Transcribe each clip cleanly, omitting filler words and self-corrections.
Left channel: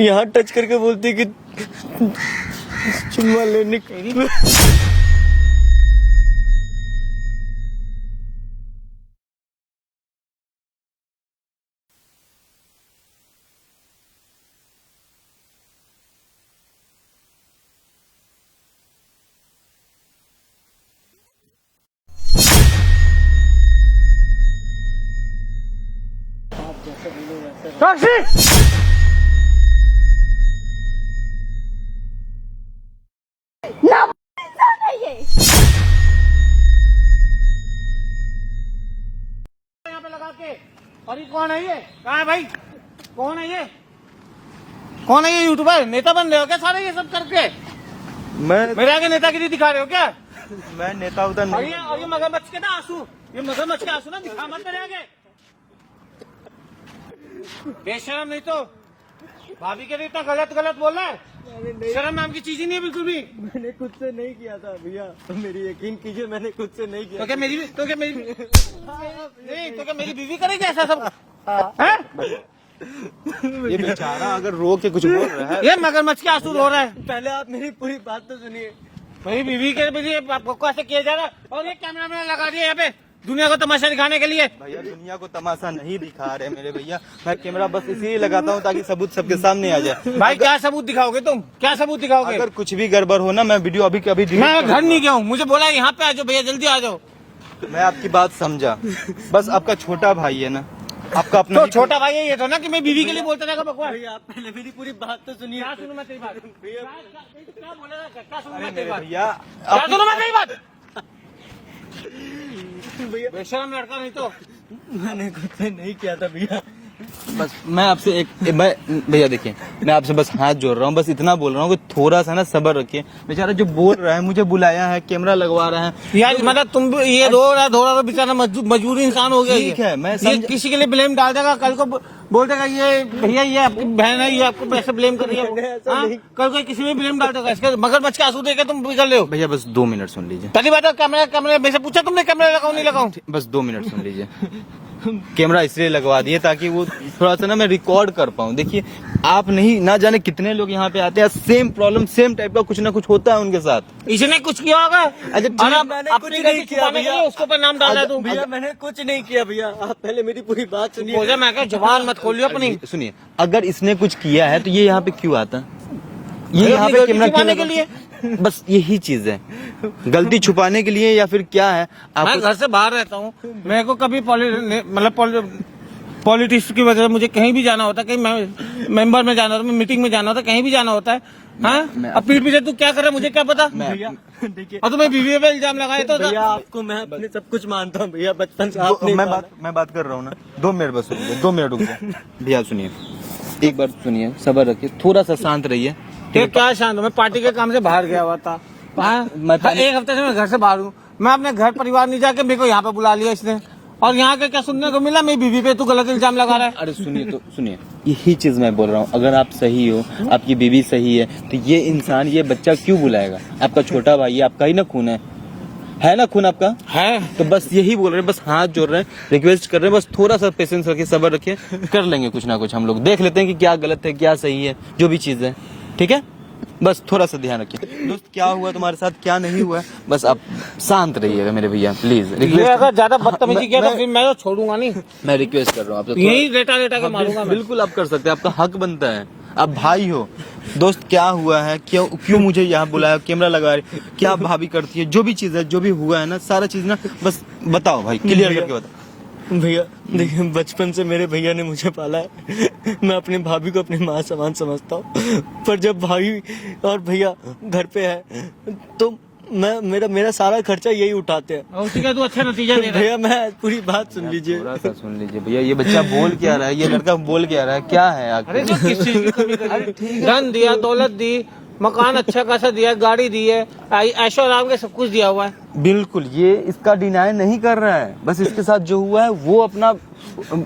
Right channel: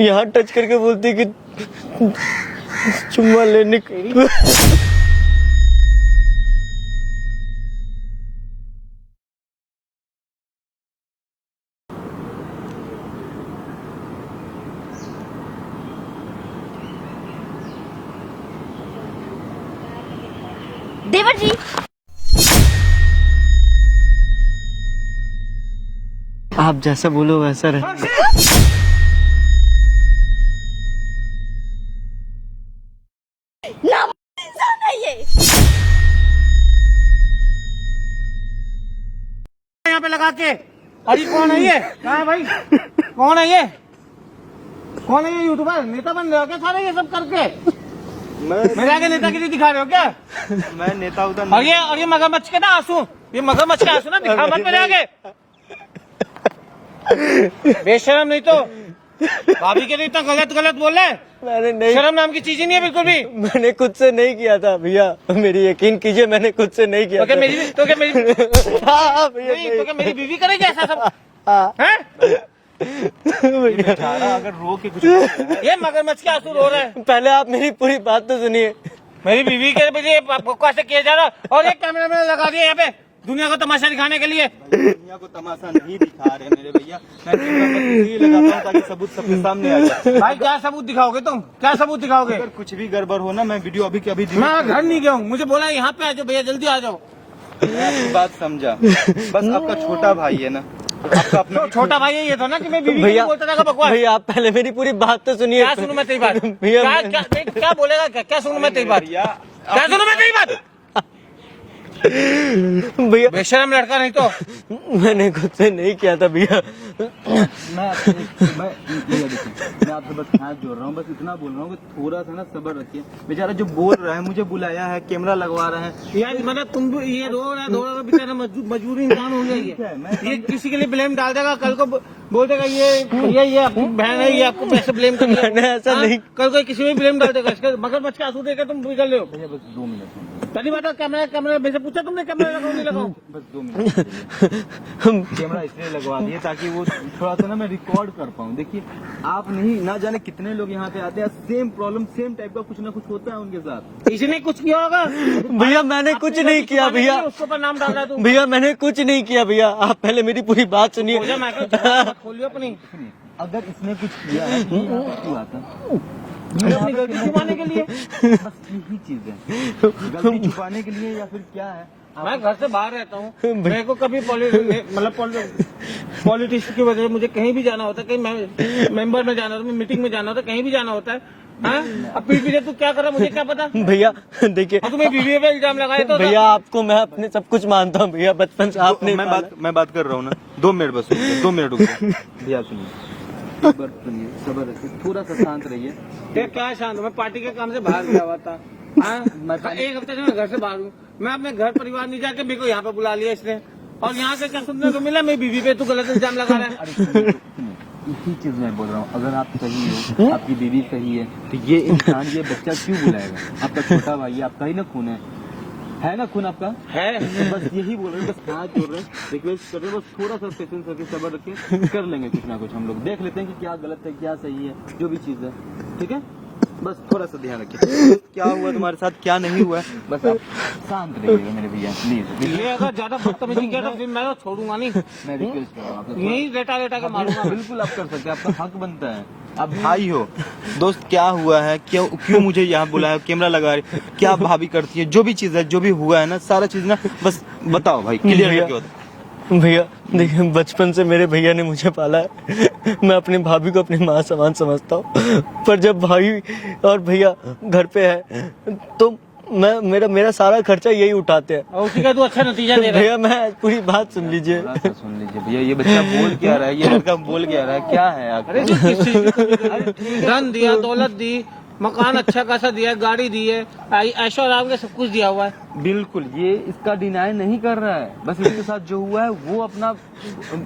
यहाँ टच करके बोलती कि चुम्मा लेने की। देवर जी, आप जैसा बोलो वैसा रहे। ना इंसान है ये। यहाँ पे लगा के, अरे कौन है ये? कहाँ है भाई? कौन है ये? कौन है ये यूट्यूबर? नेता बन रहे हो क्या सारे ये सब करके? मेरे आगे नेता के लिए दिखा रहे हो क्या? मैं नेता होता और ये मगरमच्छ के ना आंसू, ये मगरमच्छ के आंसू ना दिखा मत मेरे आगे। बेशरम नहीं तो भाभी के लिए इतना गलत गलत बोले। मैंने नहीं, शर्म नाम की चीज ही नहीं है बिल्कुल भी। मैंने खुद से नहीं किया था भैया, मेरी यकीन कीजिए, मैंने खुद से नहीं किया तो क्या था। मेरी हाँ भैया, नहीं तो क्या मेरी बीवी करेगी ऐसा सब? हाँ। ये बेचारा अगर रो के कुछ बोल रहा है। ये मगरमच्छ के आंसू रो रहे हैं। पहले आप मेरी पूरी बात तो सुनिए। मेरी बीवी के लिए बकवास से किया जा रहा और एक कैमरा में लगा दिया यहाँ पे दुनिया को तमाशा दिखाने के लिए। भैया दुनिया को तमाशा नहीं दिखा रहे मेरे भैया, मैं कैमरा बस इसलिए लगाता हूँ ताकि सबूत सबके सामने आ जाए। भाई क्या सबूत दिखाओगे तुम? क्या सबूत दिखाओगे? अगर कुछ भी गड़बड़ हो ना, मैं वीडियो अभी के अभी मैं घर नहीं गया हूँ, मुझे बोला यहाँ पे आ जाओ भैया, जल्दी आ जाओ। मैं आपकी बात समझा, बस आपका छोटा भाई है ना, आपका अपना तो छोटा भाई है ये तो ना कि मैं बीवी के लिए बोलता था बकवास। भैया आप पहले मेरी पूरी बात तो सुनिए। क्या सुनूं मैं तेरी बात? भैया क्या बोलेगा? क्या सुनूं मैं तेरी बात? भैया क्या सुनूं मैं तेरी बात? भैया बेशरम लड़का नहीं तो। मैंने खुद से नहीं किया था भैया। मैं आपसे मैं भैया देखिए, मैं आपसे बस हाथ जोड़ रहा हूँ, बस इतना बोल रहा हूँ कि थोड़ा सा ना सब्र रखिए। बेचारा जो बोल रहा है, मुझे बुलाया है, कैमरा लगवा रहा है यार मतलब तुम ये रो रहा तो बेचारा मजबूर इंसान हो गया। ठीक है, मैं ये किसी के लिए ब्लेम डाल देगा, कल को बोल देगा ये भैया ये आपकी बहन है, ये आपको ऐसे ब्लेम कर दिया। मैंने ऐसा नहीं। कल को किसी में ब्लेम डाल देगा। इसके मगरमच्छ के आंसू देके तुम कर रहे हो। भैया बस 2 मिनट सुन लीजिए, पहली बात कैमरा वैसे पूछा तुमने कैमरा लगाऊं नहीं लगाऊं? बस 2 मिनट सुन लीजिए। कैमरा इसलिए लगवा दिए ताकि वो थोड़ा सा ना मैं रिकॉर्ड कर पाऊँ। देखिए आप नहीं ना जाने कितने लोग यहाँ पे आते हैं, सेम प्रॉब्लम सेम टाइप का कुछ ना कुछ होता है उनके साथ। इसने कुछ किया होगा? भैया मैंने कुछ नहीं किया भैया। उसको पर नाम डाला तुम। भैया मैंने कुछ नहीं किया भैया, आप पहले मेरी पूरी बात सुनिए। बोला मैं कहा जबान मत खोलियो अपनी। सुनिए, अगर इसने कुछ किया है तो ये यहाँ पे क्यों आता? ये यहाँ पे कैमरा छुपाने क्यों के लिए? बस यही चीज है, गलती छुपाने के लिए या फिर क्या है? मैं घर से बाहर रहता हूँ, मेरे को कभी पॉलिटिक्स की वजह से मुझे कहीं भी जाना होता है, कहीं मेंबर में जाना होता है, मीटिंग में जाना होता है, कहीं भी जाना होता है। हाँ? अब पीठ पीछे तू क्या कर रहा है मुझे क्या पता? भैया देखिए, और तुम्हें बीवी पे इल्जाम लगाए तो भैया आपको मैं अपने सब कुछ मानता हूँ भैया, बचपन से आपने मैं बात कर रहा हूँ ना। 2 मिनट बस रुकिए, 2 मिनट रुकिए। भैया सुनिए, एक बार सुनिए, सब्र रखिए, थोड़ा सा शांत रहिए। ठीक क्या शांत हूँ? मैं पार्टी के काम से बाहर गया हुआ था। हाँ? एक हफ्ते से मैं घर से बाहर हूँ। मैं अपने घर परिवार नहीं जाके मेरे को यहाँ पे बुला लिया इसने, और यहाँ से क्या सुनने को मिला? मेरी बीवी पे तू गलत इल्जाम लगा रहा है। अरे सुनिए, तो सुनिए, यही चीज मैं बोल रहा हूँ, अगर आप सही हो, आपकी बीवी सही है, तो ये इंसान ये बच्चा क्यों बुलाएगा? आपका छोटा भाई है, आपका ही ना खून है ना खून आपका है। तो बस यही बोल रहे हैं, बस हाथ जोड़ रहे हैं, रिक्वेस्ट कर रहे हैं, बस थोड़ा सा पेशेंस रखिए, सब्र रखिए, कर लेंगे कुछ ना कुछ। हम लोग देख लेते हैं कि क्या गलत है क्या सही है, जो भी चीज है, ठीक है? बस थोड़ा सा ध्यान रखिए। दोस्त क्या हुआ तुम्हारे साथ, क्या नहीं हुआ, बस आप शांत रहिएगा मेरे भैया, प्लीज। ये अगर ज्यादा बदतमीजी किया तो फिर मैं तो छोड़ूंगा नहीं। मैं रिक्वेस्ट कर रहा हूँ आपसे, यही रेटा रेटा के मारूंगा मैं। बिल्कुल आप कर सकते हैं, आपका हक बनता है, आप भाई हो। दोस्त क्या हुआ है, क्यों मुझे यहाँ बुलाया, कैमरा लगा रहे, क्या भाभी करती है, जो भी चीज है, जो भी हुआ है ना, सारा चीज ना बस बताओ भाई, क्लियर करके बताओ। भैया देखिए, बचपन से मेरे भैया ने मुझे पाला है, मैं अपनी भाभी को अपनी माँ समान समझता हूँ, पर जब भाई और भैया घर पे है तो मेरा सारा खर्चा यही उठाते हैं। और उसी का तू अच्छा नतीजा दे रहा है। भैया मैं पूरी बात सुन लीजिए। थोड़ा सा सुन लीजिए भैया, ये बच्चा बोल क्या रहा है, ये लड़का बोल क्या रहा है, क्या है अरे आखिर? तो किस चीज की? धन दिया, दौलत दी, मकान अच्छा खासा दिया, गाड़ी दी है, ऐशो आराम के सब कुछ दिया हुआ है। बिल्कुल, ये इसका डिनाई नहीं कर रहा है, बस इसके साथ जो हुआ है वो अपना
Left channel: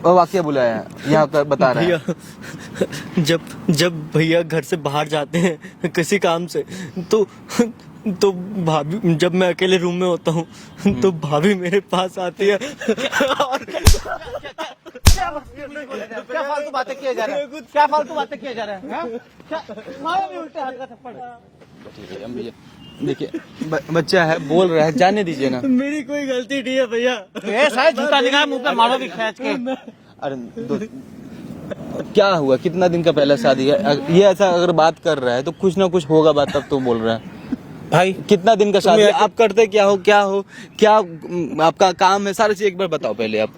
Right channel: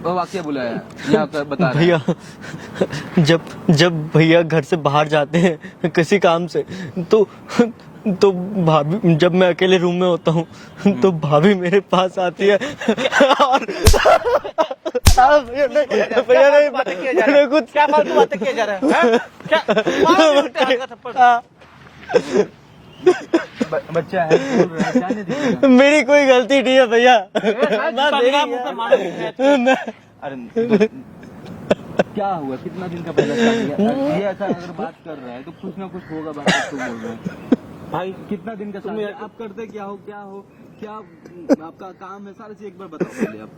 वाकया बुलाया है, यहाँ कर बता रहा है। भैया जब भैया घर से बाहर जाते हैं किसी काम से तो भाभी, जब मैं अकेले रूम में होता हूँ तो भाभी मेरे पास आती है और भैया नहीं बातें किया जा रहा मैं है? कुछ क्या फालतू बातें किया जा रहा है हैं? क्या बच्चा है बोल रहा है, जाने दीजिएगा। मेरी कोई गलती नहीं है भैया। ए, साहब, जूता निकाल, मुंह पे मारो भी खींच के। अरे क्या हुआ, कितना दिन का पहला शादी है? ये ऐसा अगर बात कर रहा है तो कुछ ना कुछ होगा बात, तब तो बोल रहा है। भाई कितना दिन का शादी है? आप करते क्या हो, क्या आपका काम है, सारी चीज एक बार बताओ पहले आप।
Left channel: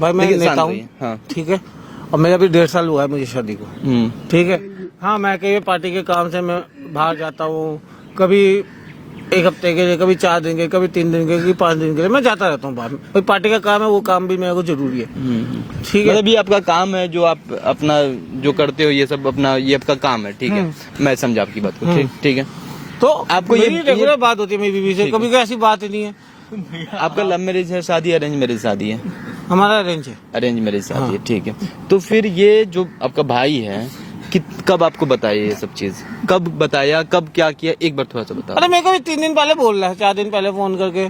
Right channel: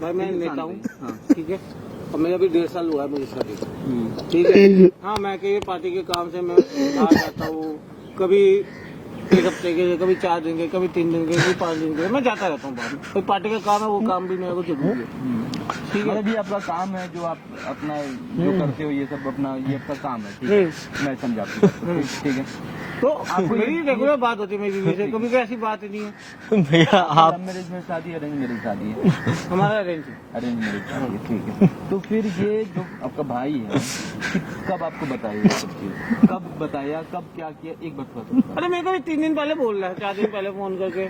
भाई मैं देखिए, नेता शांत हूँ, रहिए, हाँ। ठीक है, और मेरा भी 1.5 साल हुआ है मुझे शादी को, ठीक है। हाँ, मैं कई पार्टी के काम से मैं बाहर जाता हूँ, कभी 1 हफ्ते के लिए, कभी 4 दिन के, कभी 3 दिन के, कभी 5 दिन के लिए, मैं जाता रहता हूँ बाहर। कोई पार्टी का काम है, वो काम भी मेरे को जरूरी है, ठीक है। मतलब ये आपका काम है, जो आप अपना जो करते हो, ये सब अपना, ये आपका काम है, ठीक है। मैं समझा आपकी बात को, ठीक है। तो आपको आपको ये- ये रेगुलर बात होती है मेरी बीवी से, ठीक है। कभी कोई ऐसी बात ही नहीं है। भैया आपका लव मैरिज है शादी, अरेंज मैरिज शादी है? हमारा अरेंज है। अरेंज मैरिज शादी है, ठीक है। तो फिर ये जो आपका भाई है, कि कब आपको बताया ये सब चीज, कब बताया, कब क्या किया, एक बार थोड़ा सा अरे बताओ। मेरे को भी 3 दिन पहले बोल रहा है, 4 दिन पहले फोन करके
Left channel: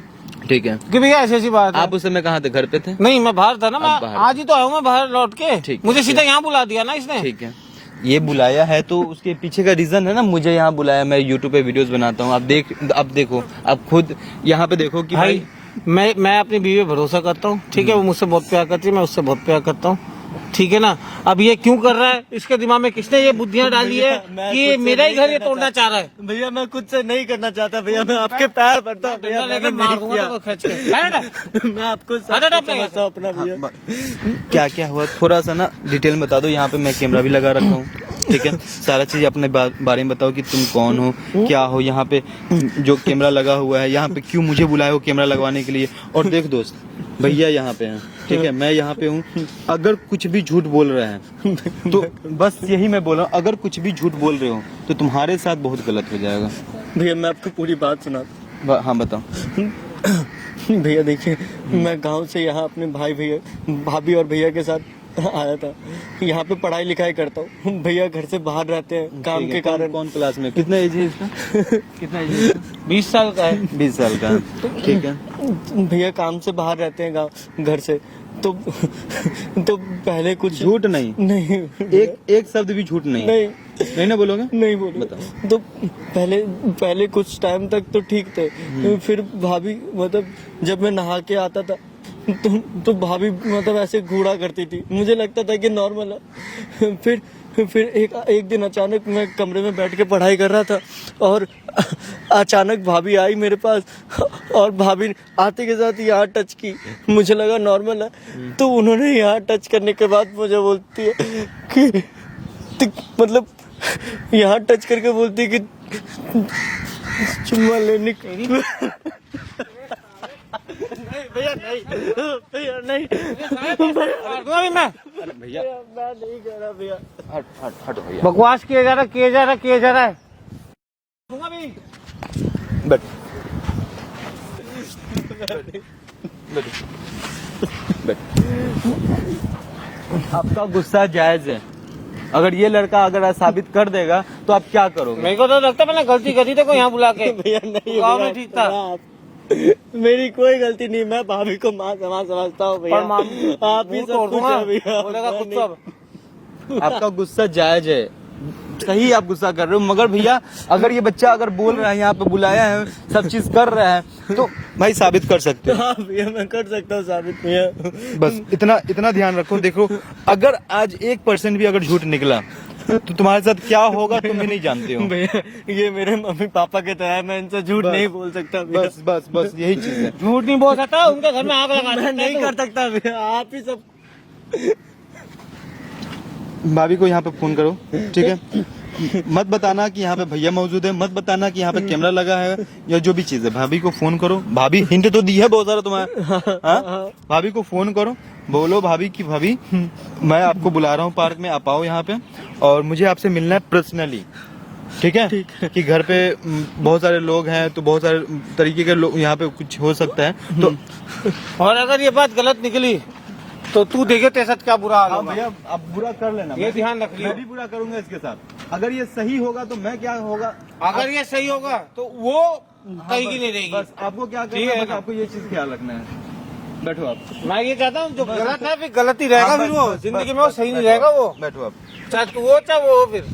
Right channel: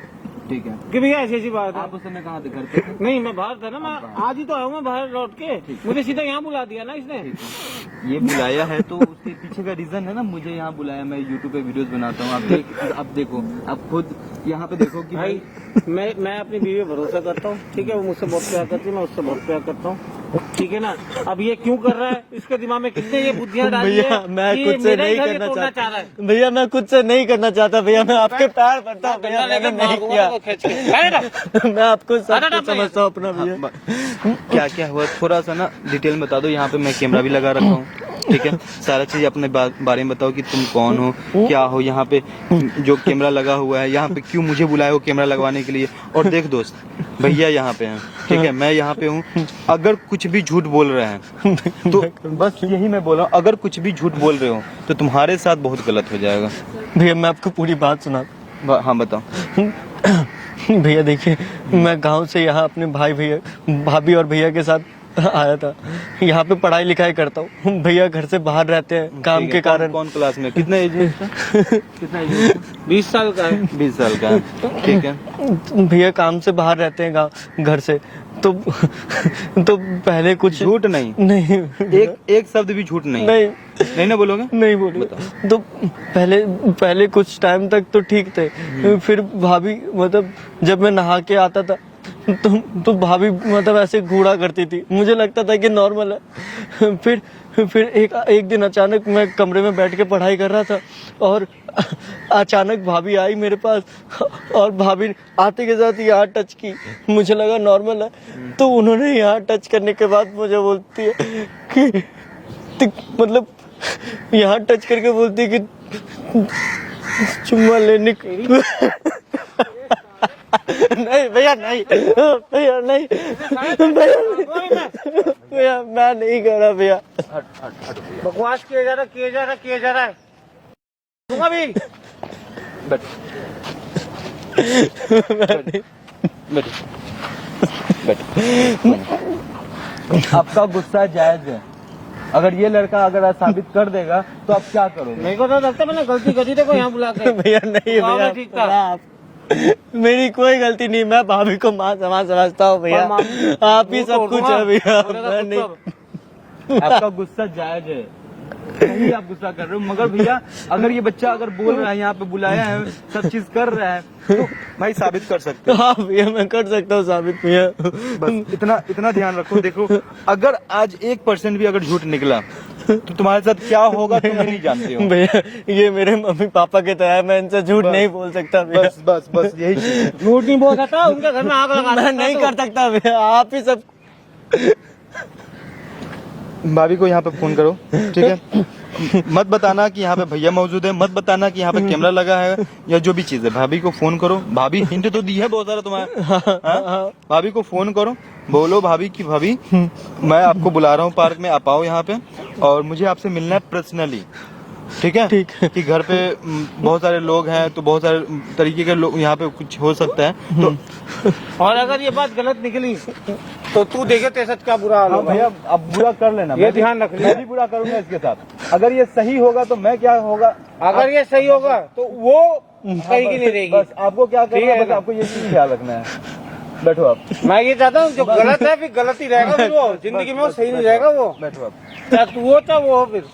ठीक है। कि भैया ऐसी ऐसी बात है। आप उस समय कहाँ थे, घर पे थे? नहीं, मैं बाहर था ना, आप मैं बाहर आज ही तो आया हूँ, मैं बाहर लौट के। ठीक, मुझे ठीक सीधा है। यहाँ बुला दिया ना इसने। ठीक है, ये बुलाया है तो उसके पीछे का रीजन है ना, मुझे यहाँ बुलाया, मैं यूट्यूब पे वीडियोस बनाता हूँ, आप देखो, आप खुद यहाँ पे देखो कि भाई मैं अपनी बीवी पे भरोसा करता हूँ, ठीक है। वो मुझसे बहुत प्यार करती है, मैं उससे बहुत प्यार करता हूँ, ठीक है ना। अब ये क्यों कर रहा है, इसके दिमाग में किसने ये बुद्धियाँ डाली है भैया, मैं कि ये खुद से मेरा ही नहीं घर ये करना तोड़ना चाहता। चाह रहा है। भैया मैं खुद से नहीं करना चाहता भैया, मैं आपके पैर पड़ता हूँ भैया, मैंने नहीं किया। मैं आपको सब अरे कुछ ना समझता हूँ अपना भैया। क्या क्या हुआ थोड़ा सा ना डिटेल में बता दो। यहाँ पे मैं कैमरा भी लगा रखा हूँ, ठीक है। सारा चीज अपने बारे में बताओ कि तुम कौन हो, क्या हो, यहाँ पे जो कैमरा लगा हुआ है, यहाँ पे क्यों मुझे बुलाया हो कैमरा लगवाने के लिए। और देख दोस्त, भैया यहाँ पे हैं, ठीक है, मैं यहाँ पे हूँ। अगर कुछ भी झूठ बोल रहे हैं तो बस यही मैं बोल रहा हूँ, अगर कुछ भी झूठ बोल रहे हो तो तुम्हारे साथ बहुत गलत हो जाएगा। भैया मैं आपको पूरी बात सुना। हाँ बताओ। भैया देखिए, मैं गांव से यहाँ अपने भाभी और भैया के साथ आया था। यहाँ पे पढ़ाई लिखाई करता हूँ। भैया घर से बाहर रहते हैं काम के कारण। कौन क्लास में, कितना एज है इसका? कितना 20 साल का है। 20 साल का है, ठीक है। भैया काम से बाहर रहते हैं घर से, तो पहले कुछ झूठ नहीं, एक शब्द भी झूठ नहीं, नहीं ना बोलोगे? नहीं बोलो। बताओ। तो पहले कुछ टाइम तक तो ठीक थे, फिर भाभी मतलब जब मैं नहा के आता था तो भाभी मतलब ऐसे घूरा करती थी, मुझे लगता था कि नॉर्मल है। फिर एक दिन अचानक मैं कमरे में बैठ के पढ़ाई कर रहा था और अचानक भाभी आई मेरे पास और भाभी आते के साथ यहाँ टच की, मुझे लगा नॉर्मल है। तो उन्होंने यहाँ टच करने के बाद मुझे बोलती है कि मतलब यहाँ टच करके बोलती है कि चुम्मा लेने नहीं भैया, नहीं भैया, नहीं भैया, मैं नहीं कर रहा भैया। हट भैया। बकवास किया जा रहा है। दूंगा भी। आपका गुस्सा जायज है। अगर ये लड़का अगर साबित कर देगा तो आप क्या करोगे? मेरे को तो लगता है मैंने गलती करी थी, को यहाँ बुला के। भैया नहीं गाँव भैया, में ठीक था। मेरी कोई गलती नहीं, मैं भाभी को माँ समान समझता हूँ भैया। आप ही सब कुछ है भैया। मैं नहीं- आपका गुस्सा जायज है, सही आप गुस्सा कर रहे हो, मगर भैया अगर ये बच्चा अगर बोल रहा है, यहाँ पे बुलाया है, सब चीज कर रहा है, तो भाई साबित कर सकते हो। हाँ भैया मैं कर सकता हूँ साबित भैया। बस इतना ध्यान रखो। देखो अगर आज 1% भी अगर झूठ निकला तो तुम्हारे साथ क्या होगा तुम भी नहीं जानते हो। भैया ये मेरे मम्मी पापा के तरह है, मैं इनसे झूठ नहीं बोल सकता भैया। बस यही चीज है। झूठ नहीं बोल सकता, उनके घर में आग लगा मैं नहीं कर सकता भैया, आप ही सब। भाभी को यहाँ पे फोन करो, ठीक है। मत बताना कि यहाँ पे भैया मौजूद है, मत बताना कि यहाँ पे कैमरा लगा है या जो भी चीज है। भाभी को फोन करो। भाभी हिंट तो दी है बहुत सारा तुम्हें। हाँ? भाभी को फोन करो, बोलो भाभी की भाभी मैं आपको बुला रहा हूँ पार्क में, आप आओ यहाँ पे और मुझे आपसे मिलना है पर्सनली, ठीक है। ठीक है। कि घर पे बहुत सारे लोग हैं तो बहुत सारे तरीके के लोग यहाँ पे कुछ हो सकता है तो और अगर ये बात गलत निकली तो तू देखे तेरे साथ क्या बुरा हाल होगा। भैया अब बुरा कर लेना, ये ध्यान रख लिया। मैं भी बुरा करूंगा इसके साथ। अगर ये सही होगा तो मैं क्या होगा, अगर ये सही होगा तो वो कहीं की नहीं रहेगी। बस आपको क्या करना ठीक है, है बस ना? आपको ये चीज ख्याल रखना है। बैठो आप, मैं ये चाहता हूँ जो गलत है फिर गलत ही रहेगा, फिर वो जिंदगी में वो सही नहीं रहेगा वो। बैठो आप, चाहे तू हो चाहे वो हो, फिर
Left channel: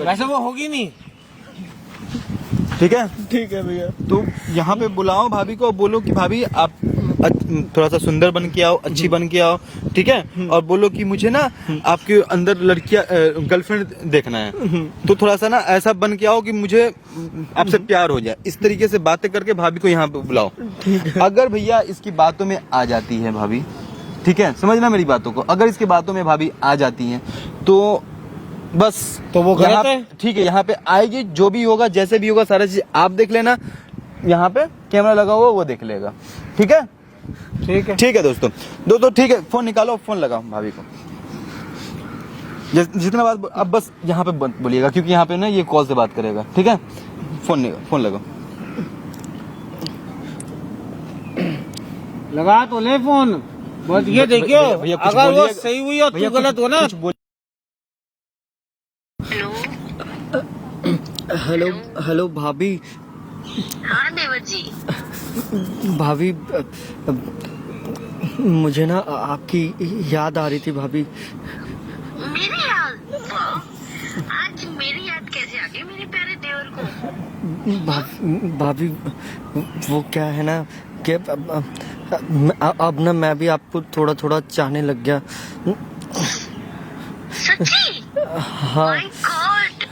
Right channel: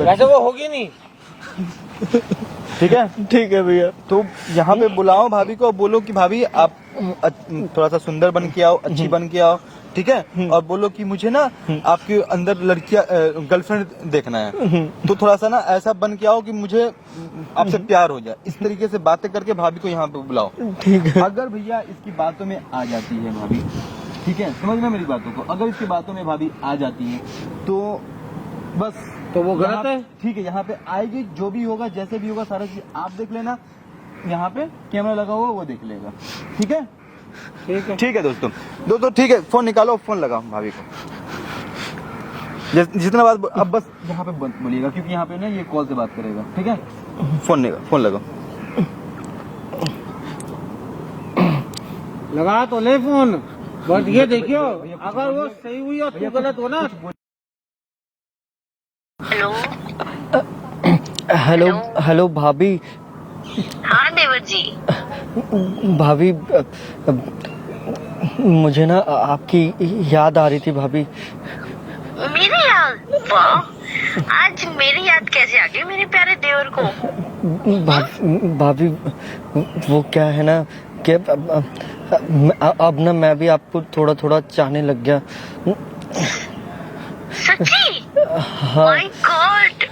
वैसे वो होगी नहीं। ठीक है। ठीक है भैया। तो यहाँ पे बुलाओ भाभी को और बोलो कि भाभी आप थोड़ा सा सुंदर बन के आओ, अच्छी बन के आओ, ठीक है। और बोलो कि मुझे ना आपके अंदर लड़कियां गर्लफ्रेंड देखना है, तो थोड़ा सा ना ऐसा बन के आओ कि मुझे आपसे प्यार हो जाए। इस तरीके से बातें करके भाभी को यहाँ पे बुलाओ। अगर भैया इसकी बातों में आ जाती है भाभी, ठीक है, समझना मेरी बातों को, अगर इसकी बातों में भाभी आ जाती है तो बस तो वो गलत यहाँ- है। ठीक है, यहाँ पे आएगी, जो भी होगा जैसे भी होगा सारा चीज आप देख लेना, यहाँ पे कैमरा लगा हुआ वो देख लेगा, ठीक है। ठीक है। ठीक है दोस्तों ठीक है, फोन निकालो, फोन लगाओ भाभी को। जितना बात अब बस यहाँ पे बोलिएगा, क्योंकि यहाँ पे ना ये कॉल से बात करेगा, ठीक है। फोन लगाओ। लगा तो ले फोन, बस ये देखियो, भैया कुछ अगर वो बोलिएगा। सही हुई और भैया तू गलत हो ना। हेलो। हेलो हेलो भाभी। हाँ देवर जी। भाभी मुझे ना आपकी याद आ रही थी भाभी। मेरी याद? वाह, आज मेरी याद कैसे आ गई मेरे प्यारे देवर को? भाभी वो क्या है ना कि अब ना मैं भी आपको थोड़ा थोड़ा चाहने लग गया। सच्ची? हाँ माय गॉड,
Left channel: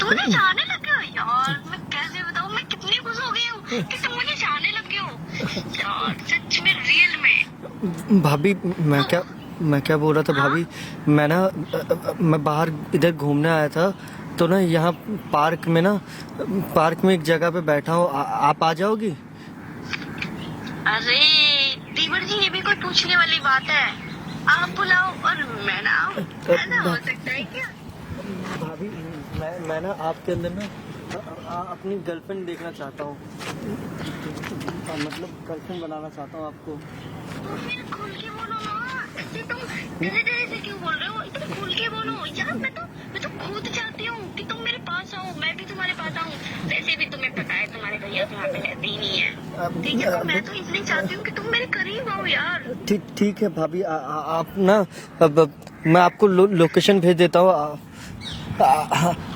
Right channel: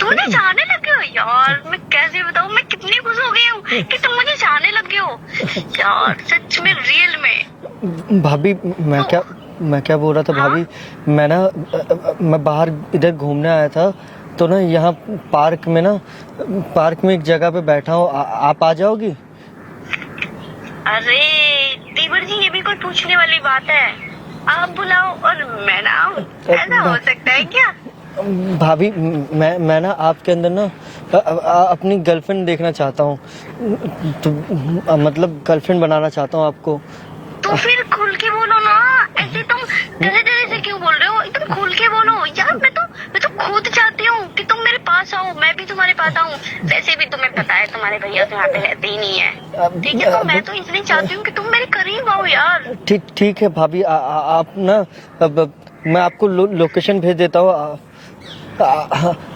तूने चाहने लगे हो यार? मैं कैसे बताऊं, मैं कितनी खुश हो गई हूँ कि तुम मुझे चाहने लगे हो यार, सच में, रियल में। भाभी मैं क्या बोल रहा था भाभी, मैं बाहर इधर घूमने आया था, तो ना यहाँ पार्क में एक जगह पे बैठा हूँ, आप आ जाओगी? अरे देवर जी, ये भी कोई पूछने वाली बात है? आप बुलाओ और मैं ना आऊं, ऐसा हो सकता है क्या? भाभी मैं ना आपके अंदर ना अपनी गर्लफ्रेंड देखना चाहता हूँ, तो मतलब गर्लफ्रेंड बनाना चाहता हूँ आपको। तो फिर खुल के बोलो ना, ऐसे तुम डरे से क्यों बोल रहे हो? एकदम खुल के बोलो यार। मैं तो खुद चाहती हूँ कि तुम मेरे पास आओ, मैं भी तुम्हारे पास आऊँ। वैसे भी तुम्हें पता है तुम्हारे भैया तो यहाँ पे रहते ही नहीं है, ठीक है, तो मैं तो इसलिए चाहती हूँ कि तुम मेरे करीब आओ यार। ठीक है भाभी, आप ना मैं आपको लोकेशन भेज देता हूँ,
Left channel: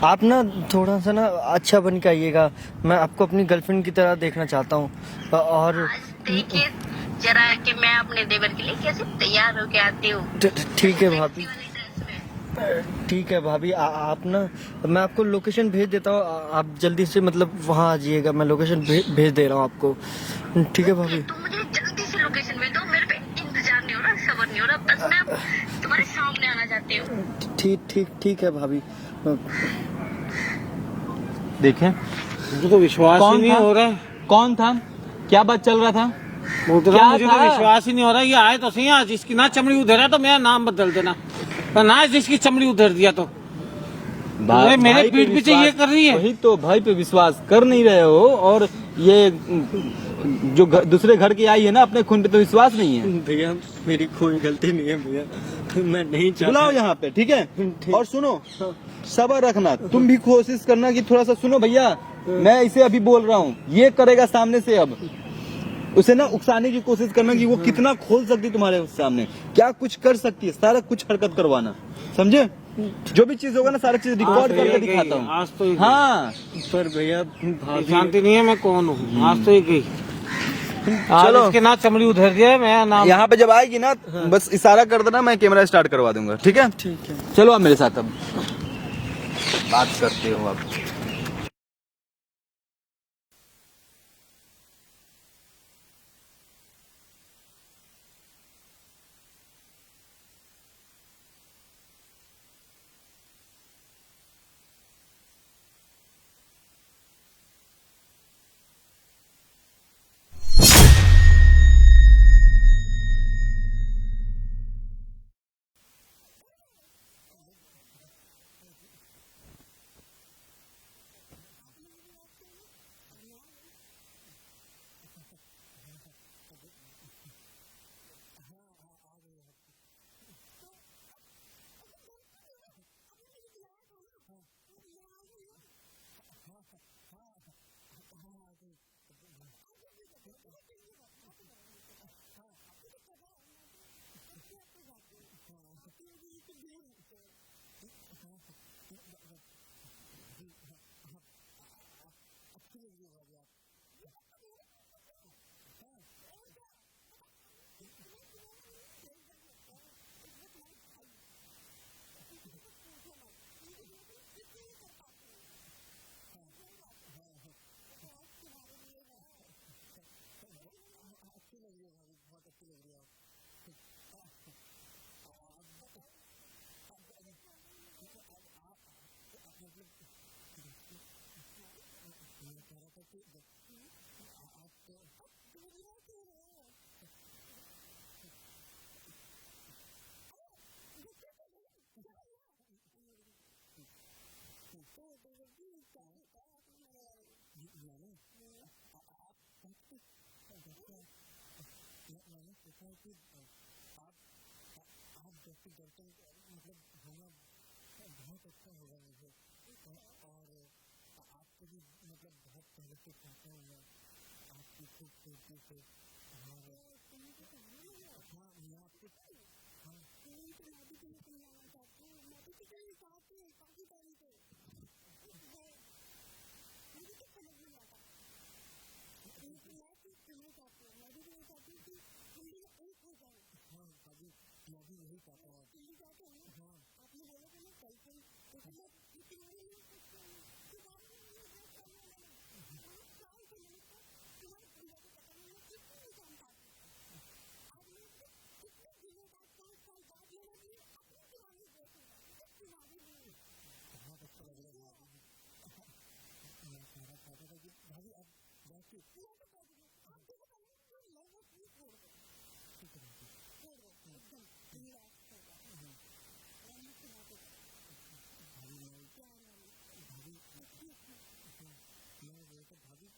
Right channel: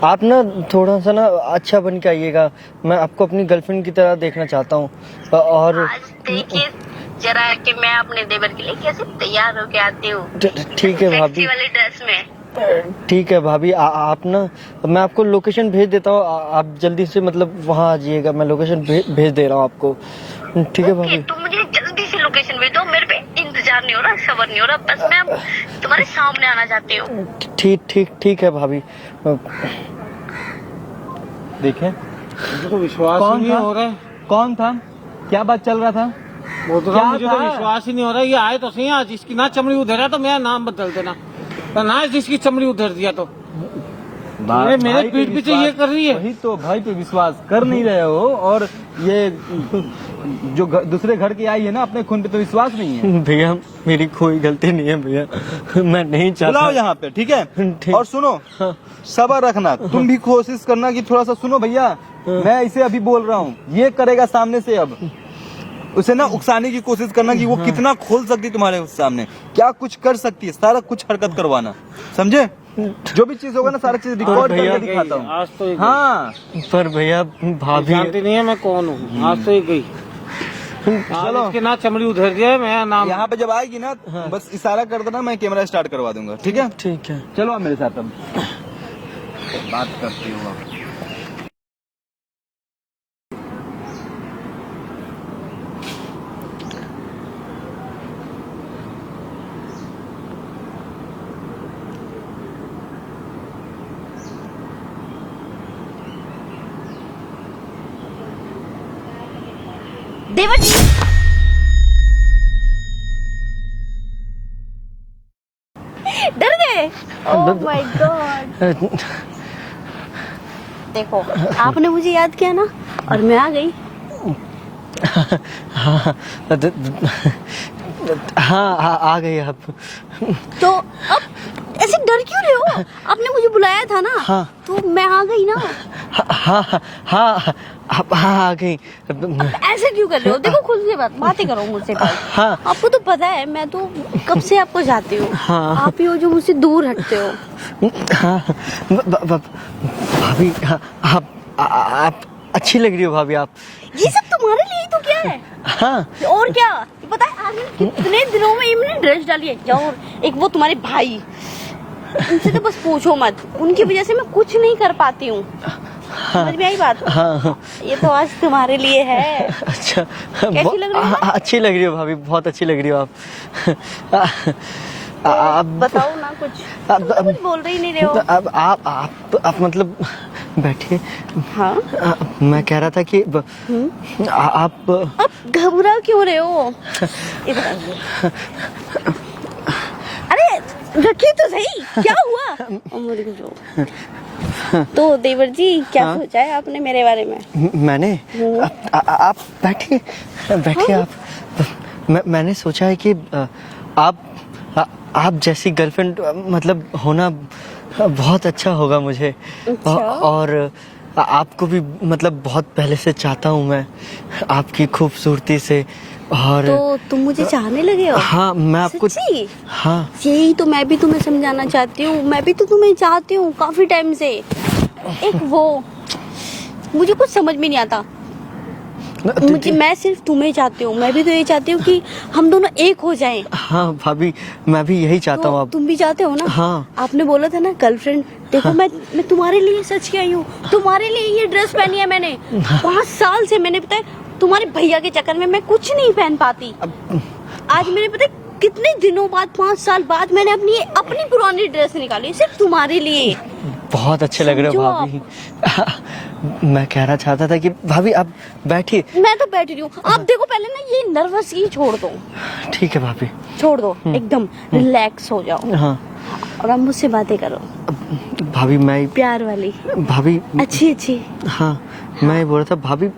आप ना थोड़ा सा ना अच्छा बन के आइएगा, मैं आपको अपनी गर्लफ्रेंड की तरह देखना चाहता हूँ। और आज देखिए जरा कि मैं अपने देवर के लिए कैसे तैयार होके आती हूँ। ठीक है भाभी, सेक्सी वाली ड्रेस में। ठीक है भाभी, आप ना, मैं आपको लोकेशन भेज देता हूँ, आप जल्दी से मतलब वहाँ आ जाइएगा, मैं लोकेशन भेज दे रहा हूँ आपको, ठीक है भाभी। तुम मुझे जल्दी से लोकेशन भेज दो, मेरे पे इंतजार नहीं हो रहा, सबर नहीं हो रहा, बस मैं अब तुम्हारे सामने आना चाहती हूँ। ठीक है भाभी। देखें मुझे तो विश्वास कौन ही नहीं था? हो रहा है। कौन था, क्या बात चल रहा था? वो तो क्या मुझे तो था? विश्वास ही नहीं हो रहा है। ये आए तो सही, आज इसकी ना चमड़ी उधेरा तो मेरा नाम बदल देना, और ना जिसकी चमड़ी उधेर दिया तो भाई मेरे पे पीठ पीछे ये विश्वास- कर रही है। यही तो, भाई पे विश्वास कर नहीं रहे हो, और ये जो दूसरे घर की आई है ना, अपने खून पे तो विश्वास नहीं है। भैया मेरी कोई गलती नहीं है भैया, मैं नहीं चाहता। बुलाओ यहाँ पे, ठीक है। ठीक। और सुनो, हाँ। सब्र रखना, तुम भी कोशिश करना कि थोड़ा सा सुनो भैया, मैं इसे अभी बोल रहा हूँ, ये करेगा सामने से, अब उसे ना उकसाने की कोशिश करना कि वो कितना खोल सकती है तुम्हारे सामने, क्या कुछ कर सकती है, सारा कुछ हरकत करवाना, समझे? जो भी चीज होगा ना, सारा चीज रिकॉर्ड भैया करके गई, दिखाता हूँ। आज तो ये हाँ पर भैया भाभी जानती नहीं है मैं कौन हूँ, आज तो ये गई। आज चलो। इसके ना चमड़ी उधर दिया, मेरा नाम। यहाँ पे जब आएगी ना, बस इशारा कर देना, मैं कैमरा स्टार्ट करवा दूंगा, ठीक है। ठीक है। चलो आप मेरे साथ अब बात करते हो आप। देवर जी, डर गए? Oh my God. देखो, आपने मुझे याद किया ना, और मैं आ गई। हाँ आ गई आप। तो अब ऐसे डर क्यों रहे हो? आपने मुझे बुलाया था ना, हाँ। तो मैं आ गई ना। हाँ हाँ हाँ आप हाँ आ गई। ऐसे क्यों कर रहे हो? देखो खुद से बातें करो मुझसे। हाँ आपको तो पता है मैं तो कब से आपको चाहती हूँ। हाँ। आप ही हो जो मुझसे दूर हटते हो। हाँ भाभी हाँ, आप अच्छी लग रही हो भाभी आप। ये सब तुम्हारे लिए ही तो क्या है? हाँ और क्या पता है आज मैंने कितने दिनों में मैंने ड्रेस डाली है। और एक वो तुम्हारे भाई, उनसे तो बस पूछो मत, उनकी वजह से मैं कुछ नहीं कर पाती हूँ। समझ में आई बात? हाँ ये तो आज तुम्हारे लिए है। अच्छा कैसी लग रही हो? अच्छी लग रही हो भाभी, बहुत अच्छी लग रही हो आप। आप बताओ ना कुछ। तुम तो कुछ बोल रही नहीं रहे हो। अब आप मतलब बैठिए। हाँ मैं कह रहा था कि आप अब घबरा क्यों रहे हो? इधर आइए। अरे रखिए तो सही, क्या हुआ? अमर जो तो देवर जी क्या हाँ? सोचा है आपने मेरे बारे में? मैंने आप बैठिए बैठिए हाँ? आप। मैंने सोचा है कि आप जैसी गर्लफ्रेंड मतलब होना बहुत अच्छा होगा मुझे। अच्छा? और आपको भी मतलब बहुत पहले से चाहता हूँ मैं, आपकी खूबसूरती से। और तो तुम मुझे चाहने लगे हो? हाँ मैं आपको सच्ची? हाँ यही तो मैं भी तुम्हें समझाना चाहती हूँ। मैं भी तो तुम्हें चाहती हूँ काफी टाइम से। एक वो मुझे कुछ समझ में नहीं आता। मैं सिर्फ तुम्हें चाहती हूँ। मैं भी तो ये चाहती हूँ कि हम दोनों एक हो जाएं। हाँ भाभी मैं भी यही चाहता हूँ। तो आप तुम भी चाहते हो ना? हाँ। आपने बोला था ना गर्लफ्रेंड। देखो मैं तुम्हारे लिए सच के आई हूँ। तुम्हारे लिए ये ड्रेस पहनी है मैंने। 5 साल से मैंने, पता है, तुम्हारे भैया के चक्कर में मैं कुछ नहीं पहन पाती। आज मैंने, पता है, कितने दिनों बाद, 5 साल बाद मैंने अपनी पुरानी ड्रेस निकाली सिर्फ तुम्हारे लिए। बहुत अच्छे लग रहे हो समझो भाभी। मैं कहना चाहता था कि भाभी आप बैठिए। मैं तो बैठ रही हूँ। आप देखो पहले ना ये नर्वस ही छोड़ दो। ठीक है भाभी। छोड़ दो, एकदम रिलैक्स हो जाओ। हाँ और अब मुझसे बातें करो, भाभी मैं प्यार वाली, भाभी अच्छी अच्छी। हाँ मैं बोल रहा था भाभी,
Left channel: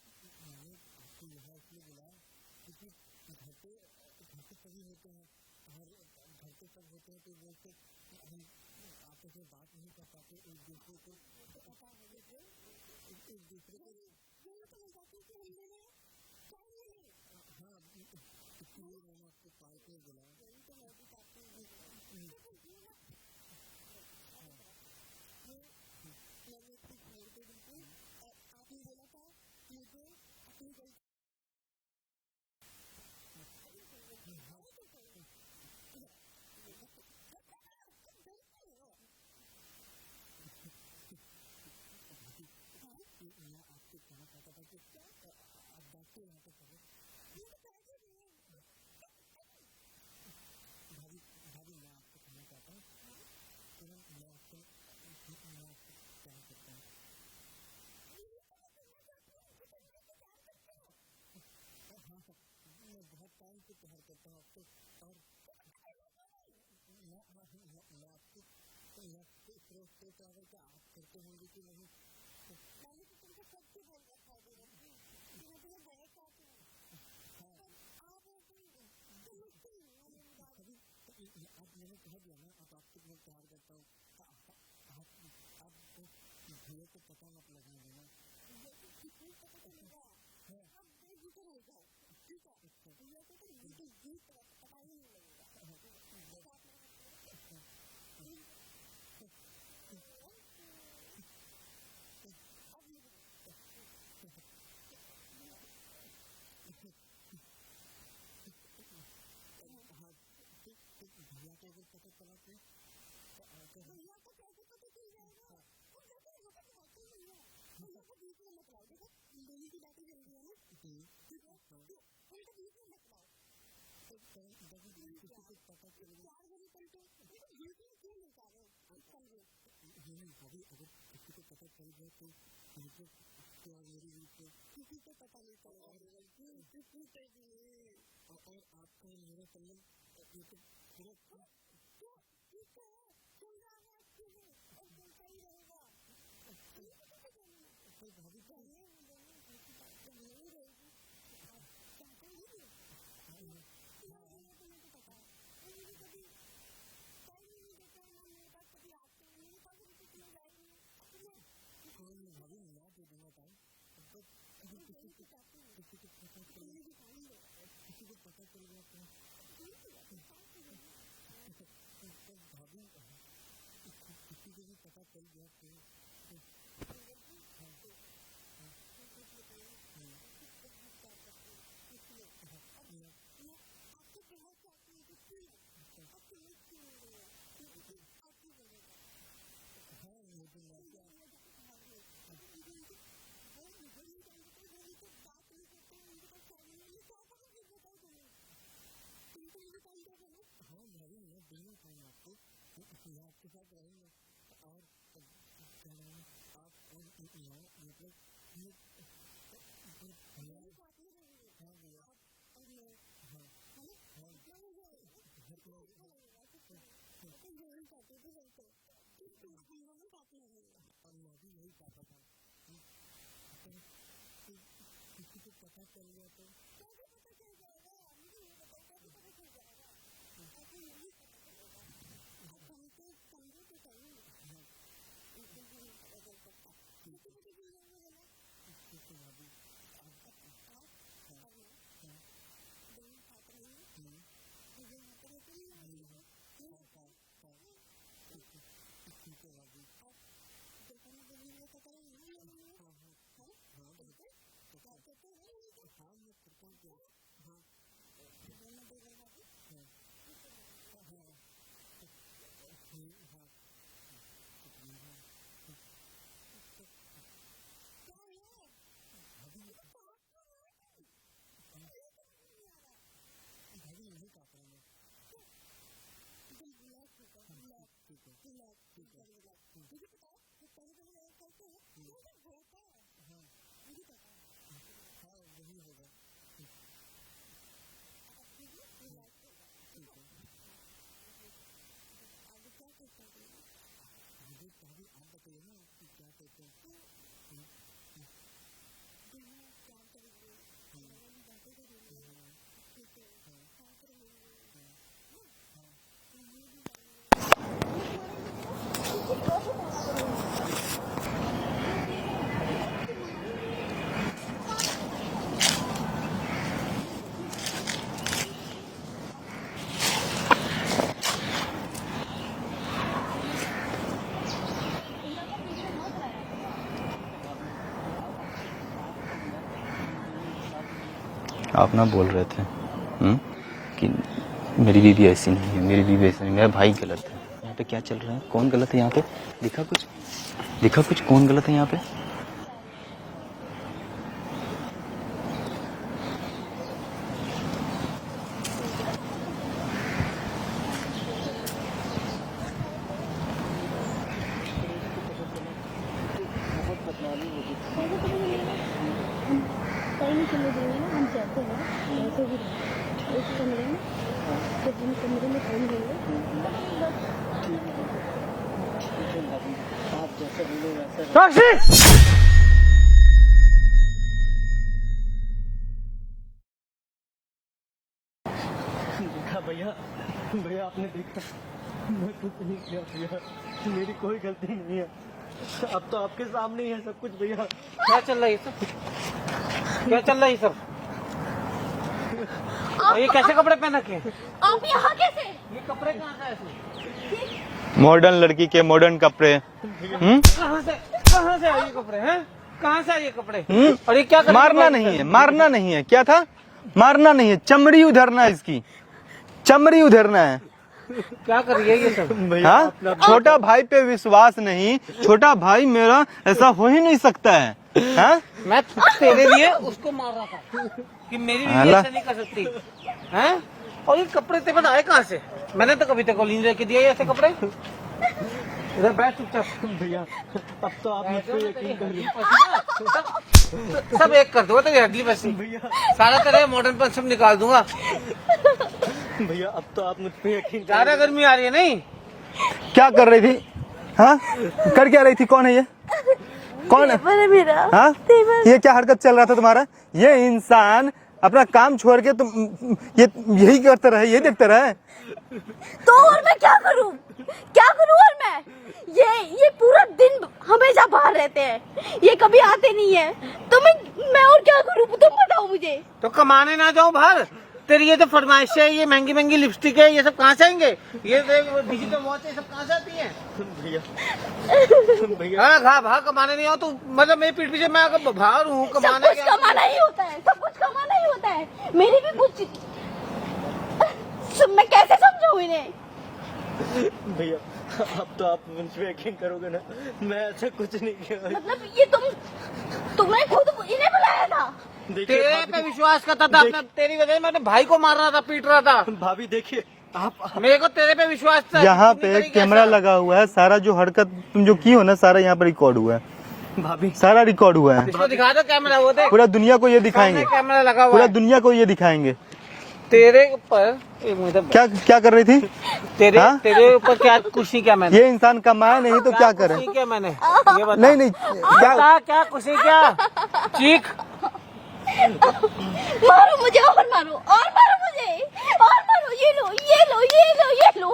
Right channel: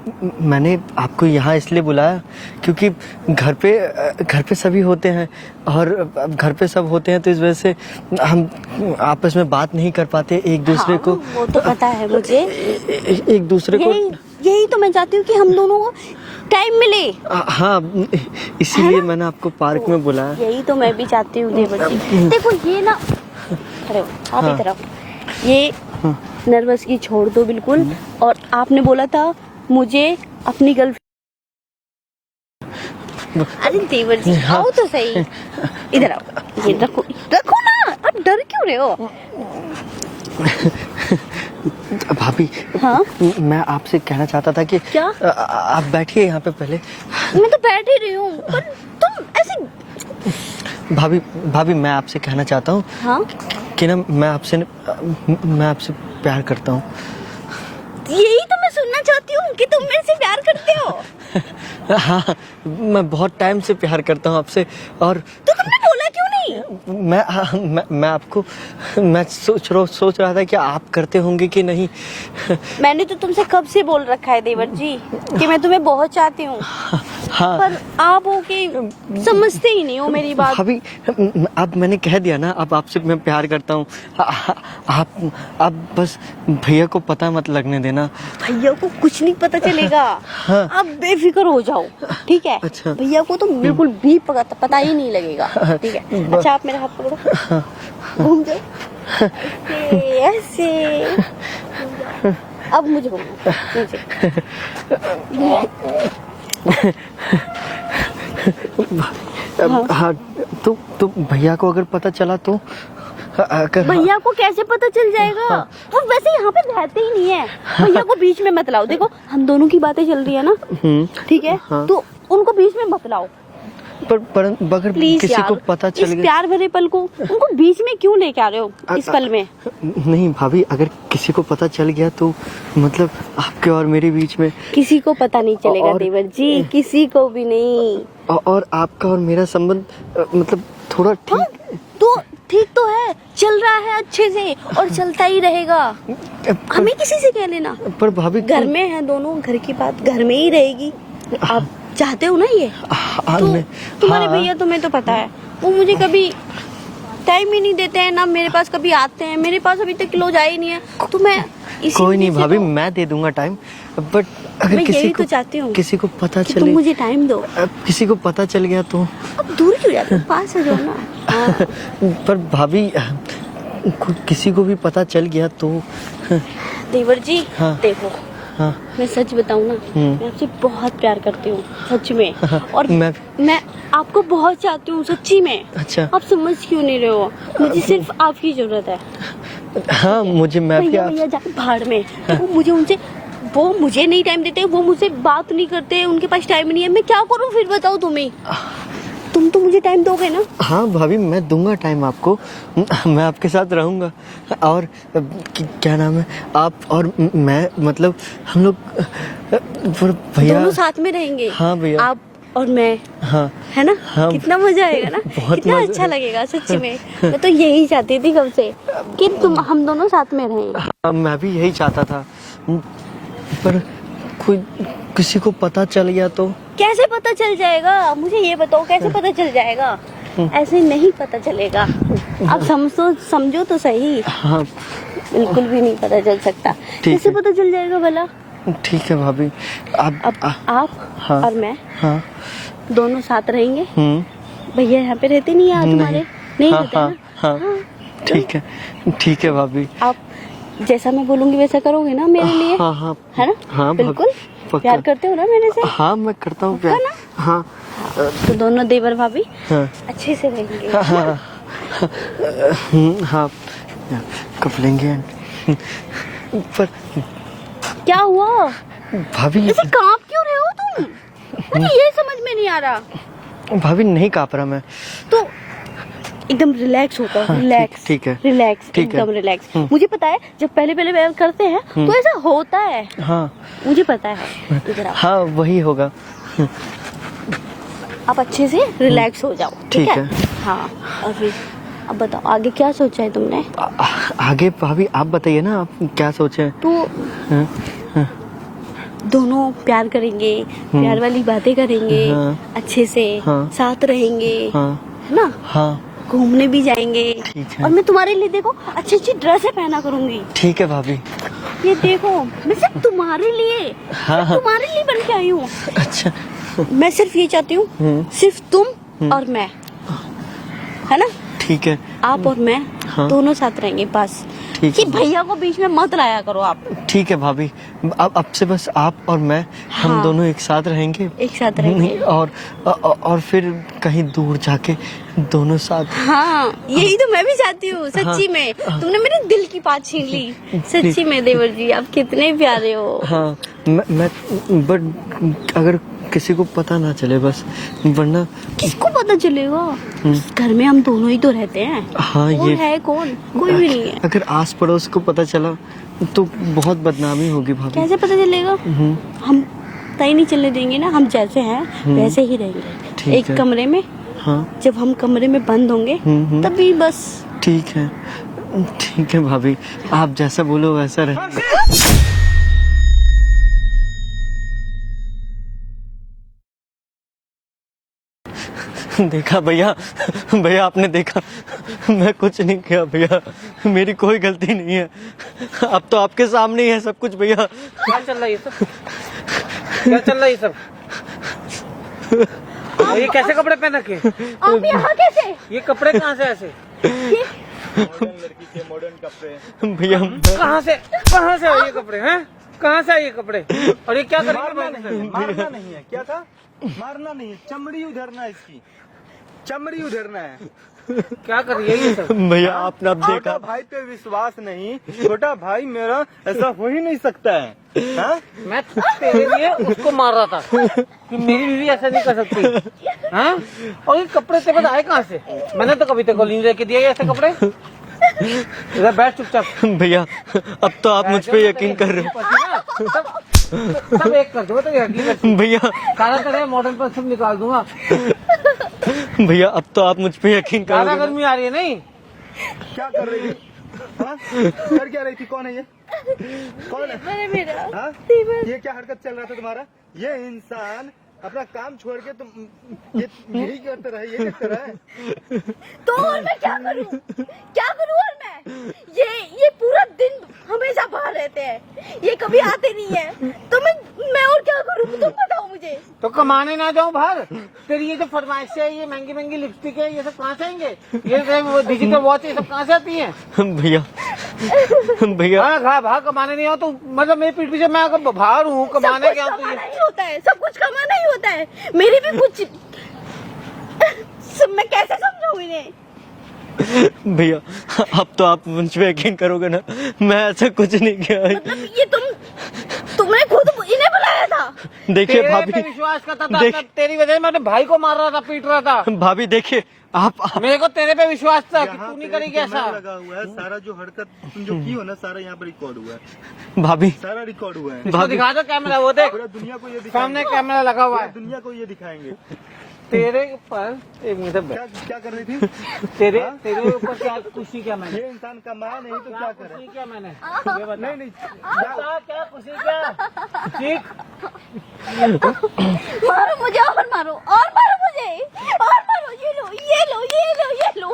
मैंने आपको यहाँ इसलिए बुलाया क्योंकि घर पे सभी होते हैं और अब घर पे सब होते हैं तो इस वजह से हम आपस में बात नहीं कर पाते एक दूसरे हाँ, को। वो तो पता है मुझे। एक दूसरे को। यही तो मैं चाहती हूँ कि हम दोनों को टाइम मिले। हाँ इसीलिए मैंने आपको पार्क में बुलाया। यही तो मैं भी चाहती हूँ देवर जी। देखो ये ना, अरे आप हाँ। इधर आओ। ये नर्वस की छोड़ दो बिल्कुल। और आपने बोला था मुझे अपनी गर्लफ्रेंड। अरे देवर जी आओ तो सही, इधर आओ। ये रखो रखो ना, आप डर क्यों रहे हो? भाभी हाँ? मैं आपसे कहना चाहता था कि क्या? आप बैठिए यहाँ पे पहले। मैं तो बैठ ही रही हूँ, पर तुम ऐसे। भाभी मैं आपसे कहना चाहता हूँ हाँ? कि ना मैं आपसे प्यार करता हूँ। यही तो मैं सुनना चाहती हूँ कि तुम मेरे से प्यार करते हो। हाँ मैं बहुत टाइम से प्यार करता हूँ आपसे। और तो तुमने बोला क्यों नहीं? मैं आपको मैं सोच रहा था कि आप करते होंगे कि नहीं। मैंने तो तुमसे कब से बोल रखा है देवर जी कि मैं तुम्हें बहुत चाहती हूँ। हाँ पर आप हो कि समझते ही नहीं हो मेरी बात। भाभी अब मैंने कह दिया ना, अब आपसे मैं प्यार करता हूँ। आप बस भैया को पता मत लगने देना। भैया को कुछ नहीं पता चलेगा। हाँ। आप बेफिक्र हो जाओ, ठीक है? अच्छा। भैया को तो बिल्कुल भी पता ही नहीं लगेगा, ठीक है? अच्छा आप मेरा हाथ पकड़ो, घूम जाओ ऐसे। अब मुझे घूमना, हाँ तो भैया को अगर पता चला तो अगर भैया को कैसे पता चल जाएगा? वो वैसे यहाँ पे रहते ही नहीं है। भैया को बीच में मत लाओ। देखो हम दोनों की बातें चल रही है ना, ठीक है? हाँ। तो उनको बीच में मत लाओ पर अगर प्लीज किसी यार। को पता चल इस गया। प्यार भरे पल को उनको बीच में क्यों लेके आ रहे हो इस पल में? नहीं भाभी, अगर किसी को पता चल गया तो मतलब आपके और मेरे बीच में किसी को पता नहीं चलेगा और- देवर जी, किसी को भी नहीं। और आपका और मेरा संबंध मतलब थोड़ा हाँ, तो ठीक तो है, चल रहा है अच्छे से और चलता ही रहेगा। हमें किसी से कह लेना। पर भाभी घर में है दोनों, घर की बात घर में ही रहेगी। आप चाहते हो ना ये? तो तुम्हारे भैया, तुम्हें तो पता है, वो मुझे कभी टाइम ही नहीं देते हैं ना, मेरे पास कभी आते हैं, मेरे पास अभी तक क्लोज आए ही नहीं है, तो मैं इसी कोई नहीं वजह से भाभी, तो- मैं दे दूंगा टाइम, बट अगर मैं किसी यही को तो चाहती हूँ किसी को पता कि चले, तुम मुझे टाइम दो। अब किसी को पता चल गया तो अब दूर क्यों जाते हो, पास आ जाओ ना। हाँ। पर भाभी किसी को भी पता चल गया तो देवर जी हाँ। देखो, हाँ मैं सच बताऊं ना, मैं आपसे बहुत प्यार करती हूँ सच में, और मैं आपको बहुत चाहती हूँ सच्ची में। अच्छा। आप समझ क्यों नहीं रहे हो, मुझे सिर्फ आपकी जरूरत है। हाँ मुझे, मैं भी भैया जाके भाड़ में, देखो मुझे उनसे, वो मुझे नहीं टाइम देते, वो मुझसे बात नहीं करते, उनके पास टाइम नहीं है, मैं क्या करूँ फिर बताओ तुम ही। तुम तो मुझे टाइम दोगे ना। हाँ भाभी, मैं दूंगा टाइम आपको, मैं आपके साथ रहूंगा। और क्या नाम है, आप और मैं, मतलब हम लोग भैया दोनों साथ में रहेंगे। हाँ भैया। आप और मैं, हाँ है ना। हाँ। कितना मजा आएगा ना, बहुत कितना मजा अच्छा लगेगा सच्ची में। मैं तो यही चाहती थी कब से कि हम दोनों साथ में रहें। हाँ, मैं भी यही चाहता था, पर कोई किसी को पता चल गया तो कैसे पता चल जाएगा, मुझे ये बताओ, कैसे पता चल जाएगा। ऐसे नहीं पता चलेगा, आप समझो तो सही। हाँ बिल्कुल भी नहीं पता चल सकता। कैसे है। पता चल जाएगा भला। ठीक है भाभी, अब आप हाँ। और मैं हाँ दोनों साथ रहेंगे। भैया यहाँ पे रहते नहीं है तुम्हारे, नहीं हाँ, रहते हाँ, ना। हाँ, ठीक है भाभी। आप जैसा मैं बोलूंगी वैसा करोगे ना मेरे लिए, हाँ हाँ है ना। हाँ बिल्कुल पक्का। प्यार करते हो ना मेरे से। हाँ मैं करता हूँ प्यार। हाँ तो दोनों देवर भाभी हाँ अच्छे से रहेंगे। हाँ हाँ कब लेंगे पर क्या हुआ, भाभी, ऐसे कांप क्यों रहे हो तुम, मुझे ये समझ में नहीं आ रहा। भाभी नहीं काँप रहा मैं तो एकदम रिलैक्स होता है, हाँ, रिलैक्स ठीक है, रिलैक्स, ठीक है। एकदम रिलैक्स। मुझे पता है जब पहले पहले करते हैं तो ऐसा होता है, हाँ मुझे पता है। इधर आओ, हाँ वही होगा। आप अच्छे से रिलैक्स हो जाओ, ठीक ठीक है। हाँ, और फिर अब बताओ आगे क्या सोचा है तुमने। आगे भाभी आप बताइए ना, आप क्या सोचे। तो दोनों प्यार करेंगे, प्यार वाली बातें करेंगे, हाँ। अच्छे से हाँ। साथ रहेंगे, हाँ है ना। हाँ घूमने भी जाएंगे, ठीक है। और मैं तुम्हारे लिए देखो अच्छी अच्छी ड्रेसें पहना करूंगी। ठीक है भाभी। ये देखो मैं सिर्फ तुम्हारे लिए, हाँ, हाँ। तुम्हारे लिए बन के आई हूँ। अच्छा मैं सिर्फ ये चाहती हूँ, सिर्फ तुम और मैं, है ना। ठीक है। आप और मैं हाँ। दोनों साथ रहेंगे बस। ठीक कि है। भैया को बीच में मत लाया करो आप। ठीक है भाभी, अब से बस आप और मैं, हम हाँ। दोनों एक साथ रहेंगे। एक साथ रहेंगे। और फिर कहीं दूर जाके दोनों साथ। हाँ, यही तो मैं भी चाहती हूँ सच्ची में। तुमने मेरे दिल की बात छीन ली सच्ची में। देवर जी आप कितने प्यारे हो। हाँ मैं बट अगर किसी को पता ना चले बस, वरना किसको पता चलेगा, घर में हम दोनों ही तो रहते हैं। हाँ कौन ये है, कौन, कोई भी नहीं है। अगर आस पड़ोस को पता चला तो बहुत बदनामी होगी भाभी। कैसे पता चलेगा, हम तय नहीं चलने देंगे ना, हम जैसे हैं वैसे ही रहेंगे ठीक एक है। कमरे में। हाँ जब हम कमरे में बंद होंगे तभी बस। ठीक है भाभी, आप जैसा बोलो वैसा रहे। देखा भैया, भैया आपने देखा, मैं कुछ नहीं किया भैया, मेरी कोई गलती नहीं है। अब तो आपके सामने ही है सब कुछ भैया। क्या चल रहा है ये सब, क्या चल रहा है ये सब। ये कैसे कपड़े पहन रखे हैं? आप यहाँ कैसे। ये कपड़े कहाँ से ऐसे, मॉडर्न लड़की के मॉडर्न कपड़े भैया कहाँ से आए ये कपड़े हैं, कहाँ से आए ये कपड़े। और ये क्या मारना नहीं है, मारना नहीं है, क्या था, मारना नहीं है, चमड़ी उधरना है, इसकी चमड़ी उधरना है। क्या कर रही है ये सब। भैया हाँ? अपना छोटा भाई पे विश्वास नहीं, छोटा भाई मेरा ऐसा हो ही नहीं सकता है। हाँ? मैं तेरे लिए उसको मार रहा था कि मेरी बीवी ऐसा नहीं कर सकती। हाँ? और ये कपड़े तेरे पास आए कहाँ से, मैंने तो कभी तेरे को नहीं लेके दिए ऐसे कपड़े। इधर बैठ चुपचाप। भैया अब तो आप मुझ पे यकीन कर रहे हो। सब एक कर दूंगा तेरी हड्डी में, भैया सारा तेरे मॉडर्न पर सब निकाल दूंगा। भैया अब तो आप मुझ पे यकीन कर ज्यादा रहे हो। गर्मी आ रही है नहीं। क्या कर रही थी, हाँ? कर क्या रही थी, कौन है ये, कौन है, मेरा हाँ? ये क्या हरकत चल रहा था तुम्हारा। ये इंसान अपना काम छोड़ के तुम ये यही करते रहे, ये देखते रहे। तो और मैं क्या करूं और मैं ये पूरा दिन हमेशा बाहर रहते हैं, ये कभी आते नहीं है, तो मैं और क्या करूं, तुम बताओ मुझे। तो कमाने ना जाऊं बाहर? तेरी ये तो फरमाइशें है, ये महंगी महंगी लिपस्टिक है, ये सब कहाँ से आएंगे? ये डिजिटल वॉच ये सब कहाँ से आती हैं? भैया भैया बाहर कमाने नहीं आया तो मतलब मेरी पीठ पीछे मैं बाहर हूँ सब कमाने कुछ कमाना ही होता है, सब कुछ कमाना ही होता है, मेरी भी कुछ मैं कैसे समझाऊं इन्हें। भैया अब तो आप मुझ पे यकीन करोगे ना, मैं ऐसा कुछ नहीं किया है। मतलब ये तुमने खुद इन्हें बुलाया था? देखिए तेरे भाभी, पे विश्वास करता था, मैं तेरी वजह से मैं अपने भाई को मार रहा था, पीट रहा था। भाभी देखिए आप मेरे को तेरे पे विश्वास था। यहाँ तू नहीं पे करेगी कैमरा ऐसा। लगा हुआ है, सारा जो हरकत तुम जो की हो ना, सारा यहाँ पर रिकॉर्ड हुआ है, भाभी सारा रिकॉर्ड हुआ है। इसको दिखा दो कैमरा, वो दे पूरा दुनिया को ये सामने दिखाएंगे, कैमरा लगा हुआ पूरा है दुनिया को ये दिखाएंगे। तेरे ऊपर। एक मिनट, क्या क्या कर रही थी? तेरे हाँ? तेरे ऊपर क्या कुर्सी क्या मैंने? ये इंसान कमाया नहीं तो क्या करे? कुर्सी क्या मैंने? ये बता। नहीं नहीं क्या बता, क्या कुर्सी क्या? चीख। मारो मुझे और मारो मुझे और मारो, ये लो ये लो ये लो ये लो।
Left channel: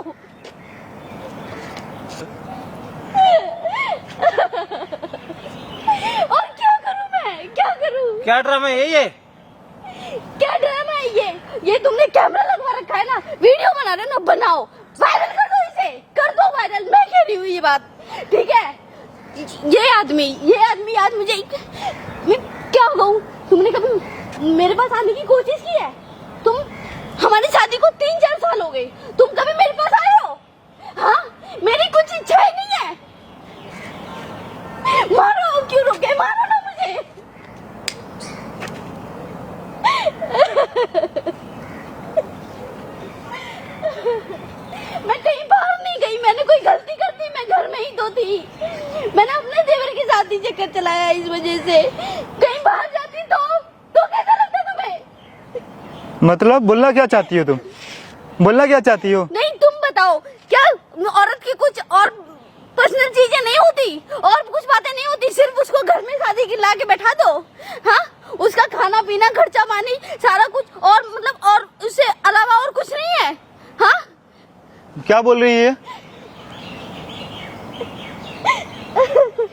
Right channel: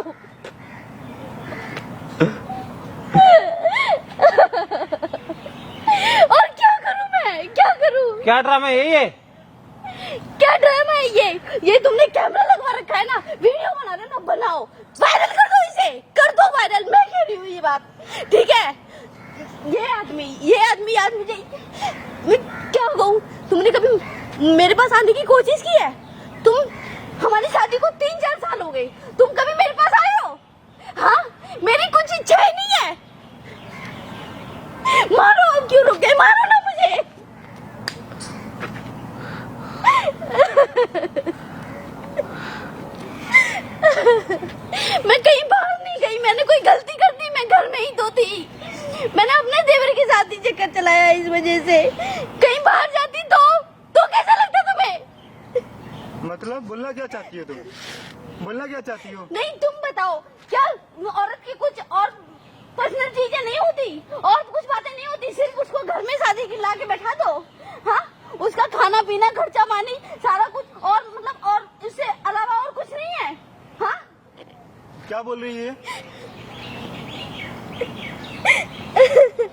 और क्या करूं मैं, क्या करूं? क्या ड्रामा है ये? क्या ड्रामा है ये तुमने कैमरा लगवा रखा है ना, वीडियो बना रहे हो ना, बनाओ, वायरल कर दो इसे, कर दो वायरल, मैं कह रही हूँ ये बात, ठीक है? ये आदमी आज मुझे, मैं क्या कहूँ, तुमने कभी मेरे पास आने की कोशिश की है? तुम, हमारी शादी को 3-4 साल हो गए, तुम कभी मेरे पास आए हो? हाँ, मेरी कुछ इच्छा ही नहीं है। मारो, हम क्यों रुक गए, मारो ना मुझे। मैं कहीं बाहर नहीं गई, मैंने कोई गलती कर दी, मैं घर में ही तो थी, मैंने अपने देवर के साथ ही चक्कर चलाया, इस वजह से कहीं बाहर जाती तो कैसा लगता तुम्हें? मतलब बोलना क्या चाहती हो तुम? बोलना क्या चाहती हो? नहीं तुम बताओ, क्या औरत की कुछ और पर्सनल चीजें नहीं होती और कुछ बातें नहीं होती, सिर्फ उसको घर में शादी की ला के बैठा दो, हाँ? उसका खाना पीना खर्चा पानी सारा कुछ, और मतलब और उससे अलावा और कुछ नहीं है, हाँ? क्या बोल रही है?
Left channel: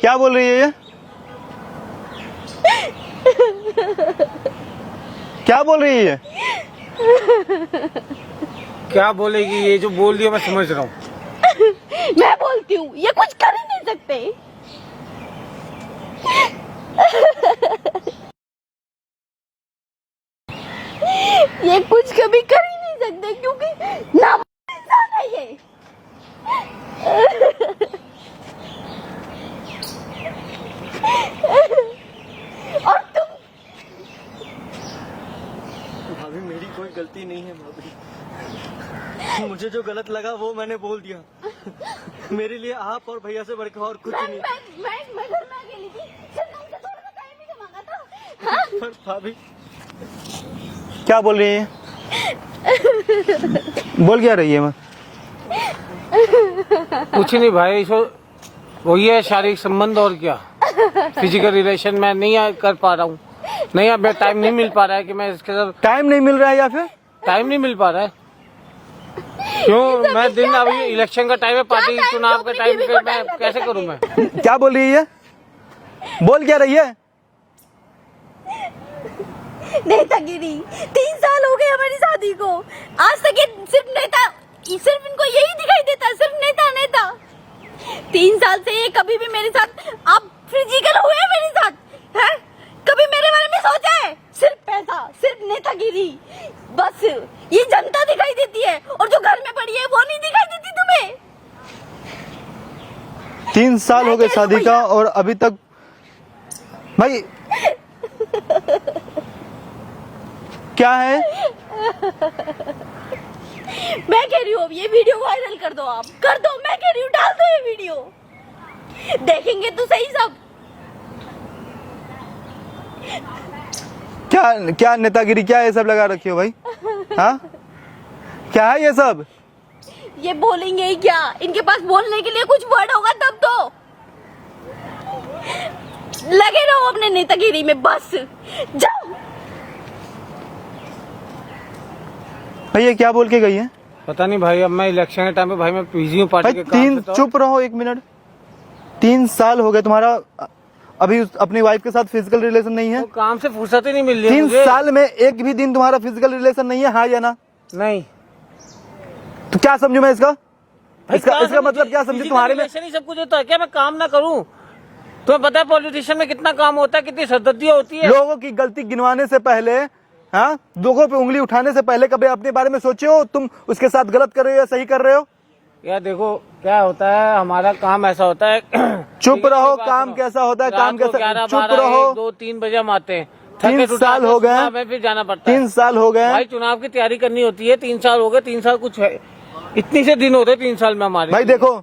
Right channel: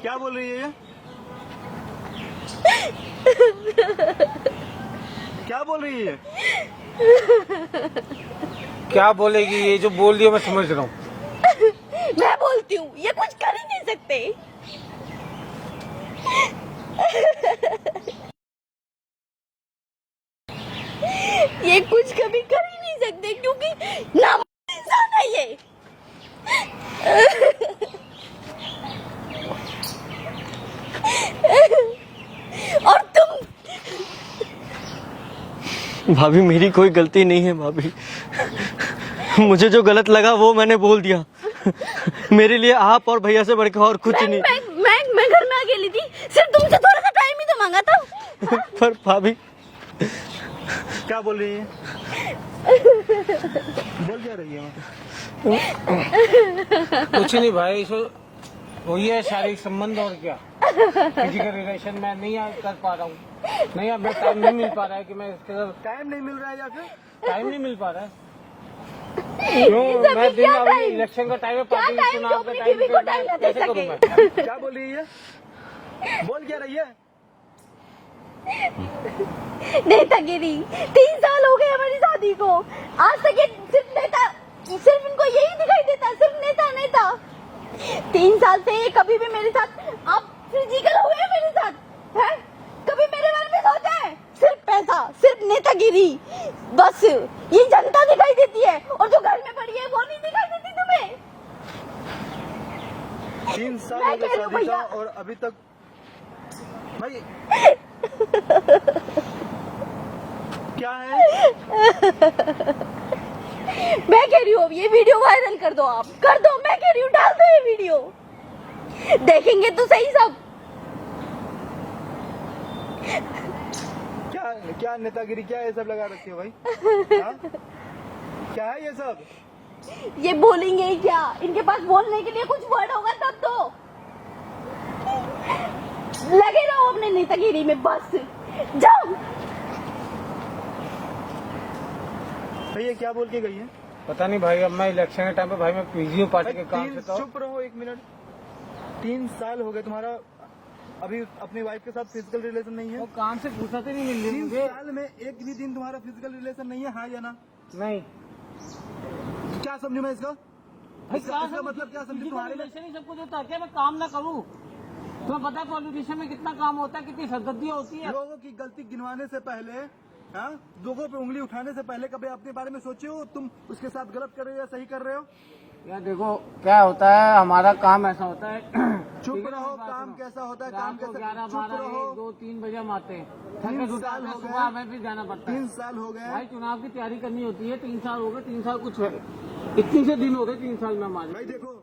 क्या बोल रही है ये? क्या बोल रही है? क्या बोलेगी ये? जो बोल दिया मैं समझ रहा हूँ। मैं बोलती हूँ, ये कुछ कर ही नहीं सकते। ये कुछ कभी कर ही नहीं सकते, क्योंकि ना इंसान है ये। और तुम, भाभी मेरी कोई गलती नहीं है भाभी, मुझे जो गलत लगा वो मैंने बोल दिया। मेरे लिए आप और भैया से बढ़कर और कुछ नहीं। मैं घर में अकेली थी, सिर्फ तुमसे थोड़ा सा टाइम ही तो मांगा था, हाँ? पर भाभी क्या बोल रही है? बोल क्या रही है? मैं कुछ नहीं भाई, वही है शारीरिक संबंध, और क्या। फिजिकल रिलेशन में नहीं कर पा रहा हूँ, नहीं अब मैं टाइम नहीं मिल पा रहा है कि मैं इसके साथ, टाइम नहीं मिल रहा है या फिर टाइम नहीं मिल पा रहा है। क्यों? मैं दिन अभी इलेक्शन का टाइम है, पार्टी चुनाव के टाइम पे मैं कैसे करूँ मैं? क्या बोल रही है? बोल क्या रही है? नेतागिरी, 3 साल हो गए हमारी शादी को, आज तक ये सिर्फ इनको यही दिखाई देता, सिर्फ नेता। 3 साल से ये कभी भी मेरे साथ, आप फिजिकल हुए हैं मेरे साथ, हैं? कभी मेरे बारे में सोचा है? सिर्फ पैसा, सिर्फ नेतागिरी, बस ये जनता दिखाई देती है, और जो घर में पड़ी है वो नहीं दिखाई देती तुम्हें। 3 साल हो गए शादी का और अभी तक भाई क्या है? मैं कह रही हूँ ये वीडियो वायरल कर दो, आप कर दो, मैं कह रही हूँ डाल दो ये वीडियो, देखेंगे तो सही सब। क्या नेतागिरी, क्या ये सब लगा रखी हो भाई? हाँ, क्या है ये सब? ये बोलेंगे ही क्या? इनके पास बोलने के लिए कुछ वर्ड होगा तब तो। लगे रहो अपने नेतागिरी में, बस जाओ। भाई ये क्या बोल के गई है पता नहीं भाई, अब मैं इलेक्शन के टाइम पे भाई मैं बिजी हूँ पार्टी भाई? के काम तीन, से, तो चुप रहो एक मिनट। 3 साल हो गए तुम्हारा अभी अपनी वाइफ के साथ फिजिकल रिलेशन नहीं है? वो काम से फुर्सत ही नहीं मिल रही है 3 मुझे। साल में एक भी दिन तुम्हारा फिजिकल रिलेशन नहीं है, हाँ या ना? नहीं तो क्या समझू मैं इसका? भाई, इसका काम इसका से मतलब क्या समझू physical तुम्हारे में? relation ही सब कुछ होता है क्या? मैं काम ना करूँ? तुम्हें पता है पॉलिटिशियन में कितना काम होता है, कितनी सरदर्दियाँ होती है। लोगों की गलती गिनवाने से पहले, हाँ, लोगों पे उंगली उठाने से पहले कभी अपने बारे में सोचे हो तुम उसके साथ गलत कर रहे हो या सही कर रहे हो? यार देखो क्या होता है, हमारा काम ऐसा होता है चुप रहो। काम कैसा होता है? काम कैसा? 11, चुप 12, रहो। 1, 2, 3 बजे हम आते हैं। 3 थके टूटे साल आते हो गए हैं, हैं। हमें फिर जाना पड़ता है। 3 साल हो गए भाई हैं। चुनाव की तैयारी करनी होती है। 3 साल हो गए। 3 साल कुछ है, इतनी से दिन होते हैं 3 साल में हमारे। भाई देखो,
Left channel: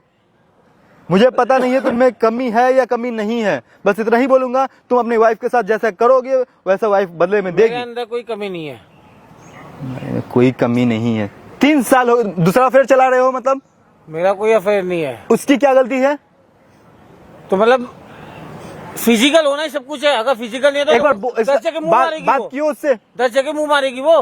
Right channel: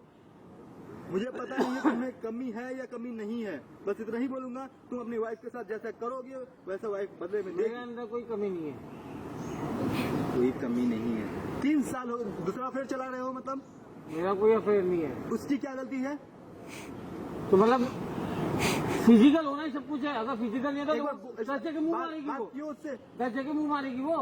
मुझे पता नहीं है तुम में कमी है या कमी नहीं है, बस इतना ही बोलूंगा। तुम अपनी वाइफ के साथ जैसा करोगे वैसा वाइफ बदले में मेरे देगी। अंदर कोई कमी नहीं है। कोई कमी नहीं है। 3 साल हो, दूसरा अफेयर चला रहे हो मतलब? मेरा कोई अफेयर नहीं है। उसकी क्या गलती है? तो मतलब फिजिकल होना ही सब कुछ है। अगर फिजिकल नहीं है एक बार तो 10 जगह मुंह मारेगी बात वो। क्यों उससे? 10 जगह मुंह मारेगी वो।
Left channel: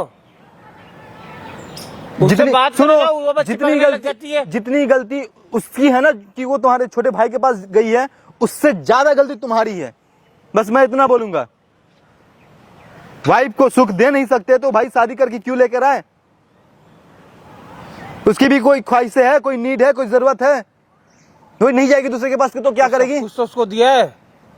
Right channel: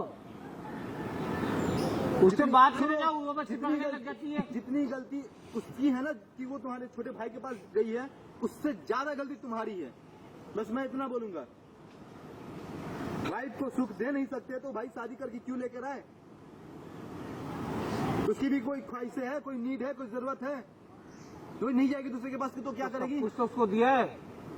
उससे जितनी बात सुनो, करेगा, वो बच्ची जितनी पकड़ने लग जाती है। जितनी गलती उसकी है ना कि वो तुम्हारे छोटे भाई के पास गई है, उससे ज्यादा गलती तुम्हारी है। बस मैं इतना बोलूंगा। वाइफ को सुख दे नहीं सकते तो भाई शादी करके क्यों लेकर आए? उसकी भी कोई ख्वाहिशें है, कोई नीड है, कोई जरूरत है। वो नहीं जाएगी दूसरे के पास तो क्या करेगी? कुछ तो उसको दिया है,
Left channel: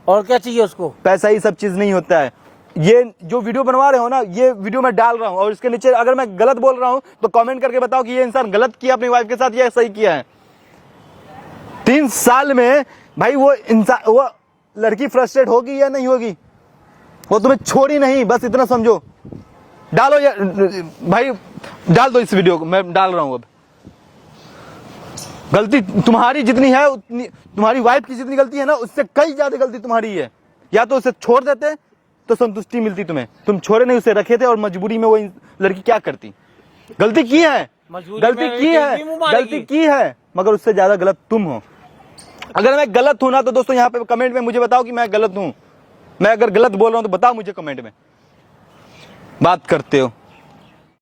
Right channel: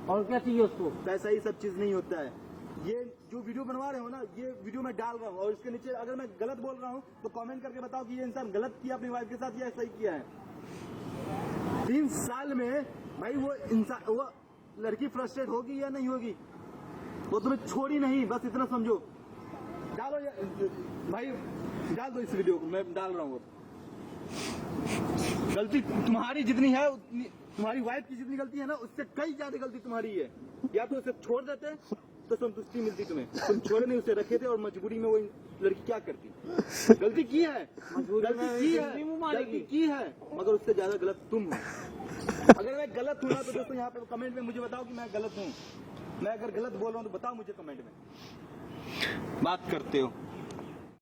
और क्या चाहिए उसको? पैसा ही सब चीज नहीं होता है। ये जो वीडियो बनवा रहे हो ना, ये वीडियो मैं डाल रहा हूँ और इसके नीचे अगर मैं गलत बोल रहा हूँ तो कमेंट करके बताओ कि ये इंसान गलत किया अपनी वाइफ के साथ या सही किया है। 3 साल में भाई वो इंसान, वो लड़की फ्रस्ट्रेट होगी या नहीं होगी? वो तुम्हें छोड़ी नहीं, बस इतना समझो। डालो या भाई डाल दो इस वीडियो को, मैं डाल रहा हूँ। अब गलती तुम्हारी जितनी है उतनी, तुम्हारी वाइफ की जितनी गलती है ना उससे कई ज्यादा गलती तुम्हारी है। या तो उसे छोड़ देते तो संतुष्टि मिलती तुम्हें, तुम छोड़े नहीं, उसे रखे थे और मजबूरी में वो लड़की क्या करती? गलती की है, गलती की है, गलती की है, मगर उससे ज्यादा गलत तुम हो। अगर मैं गलत हूं ना तो दोस्तों यहाँ पे कमेंट में मुझे बताओ कि मैं गलत हूं। मैं अगर गलत बोल रहा हूं तो बताओ मुझे कमेंट में। बात करते हो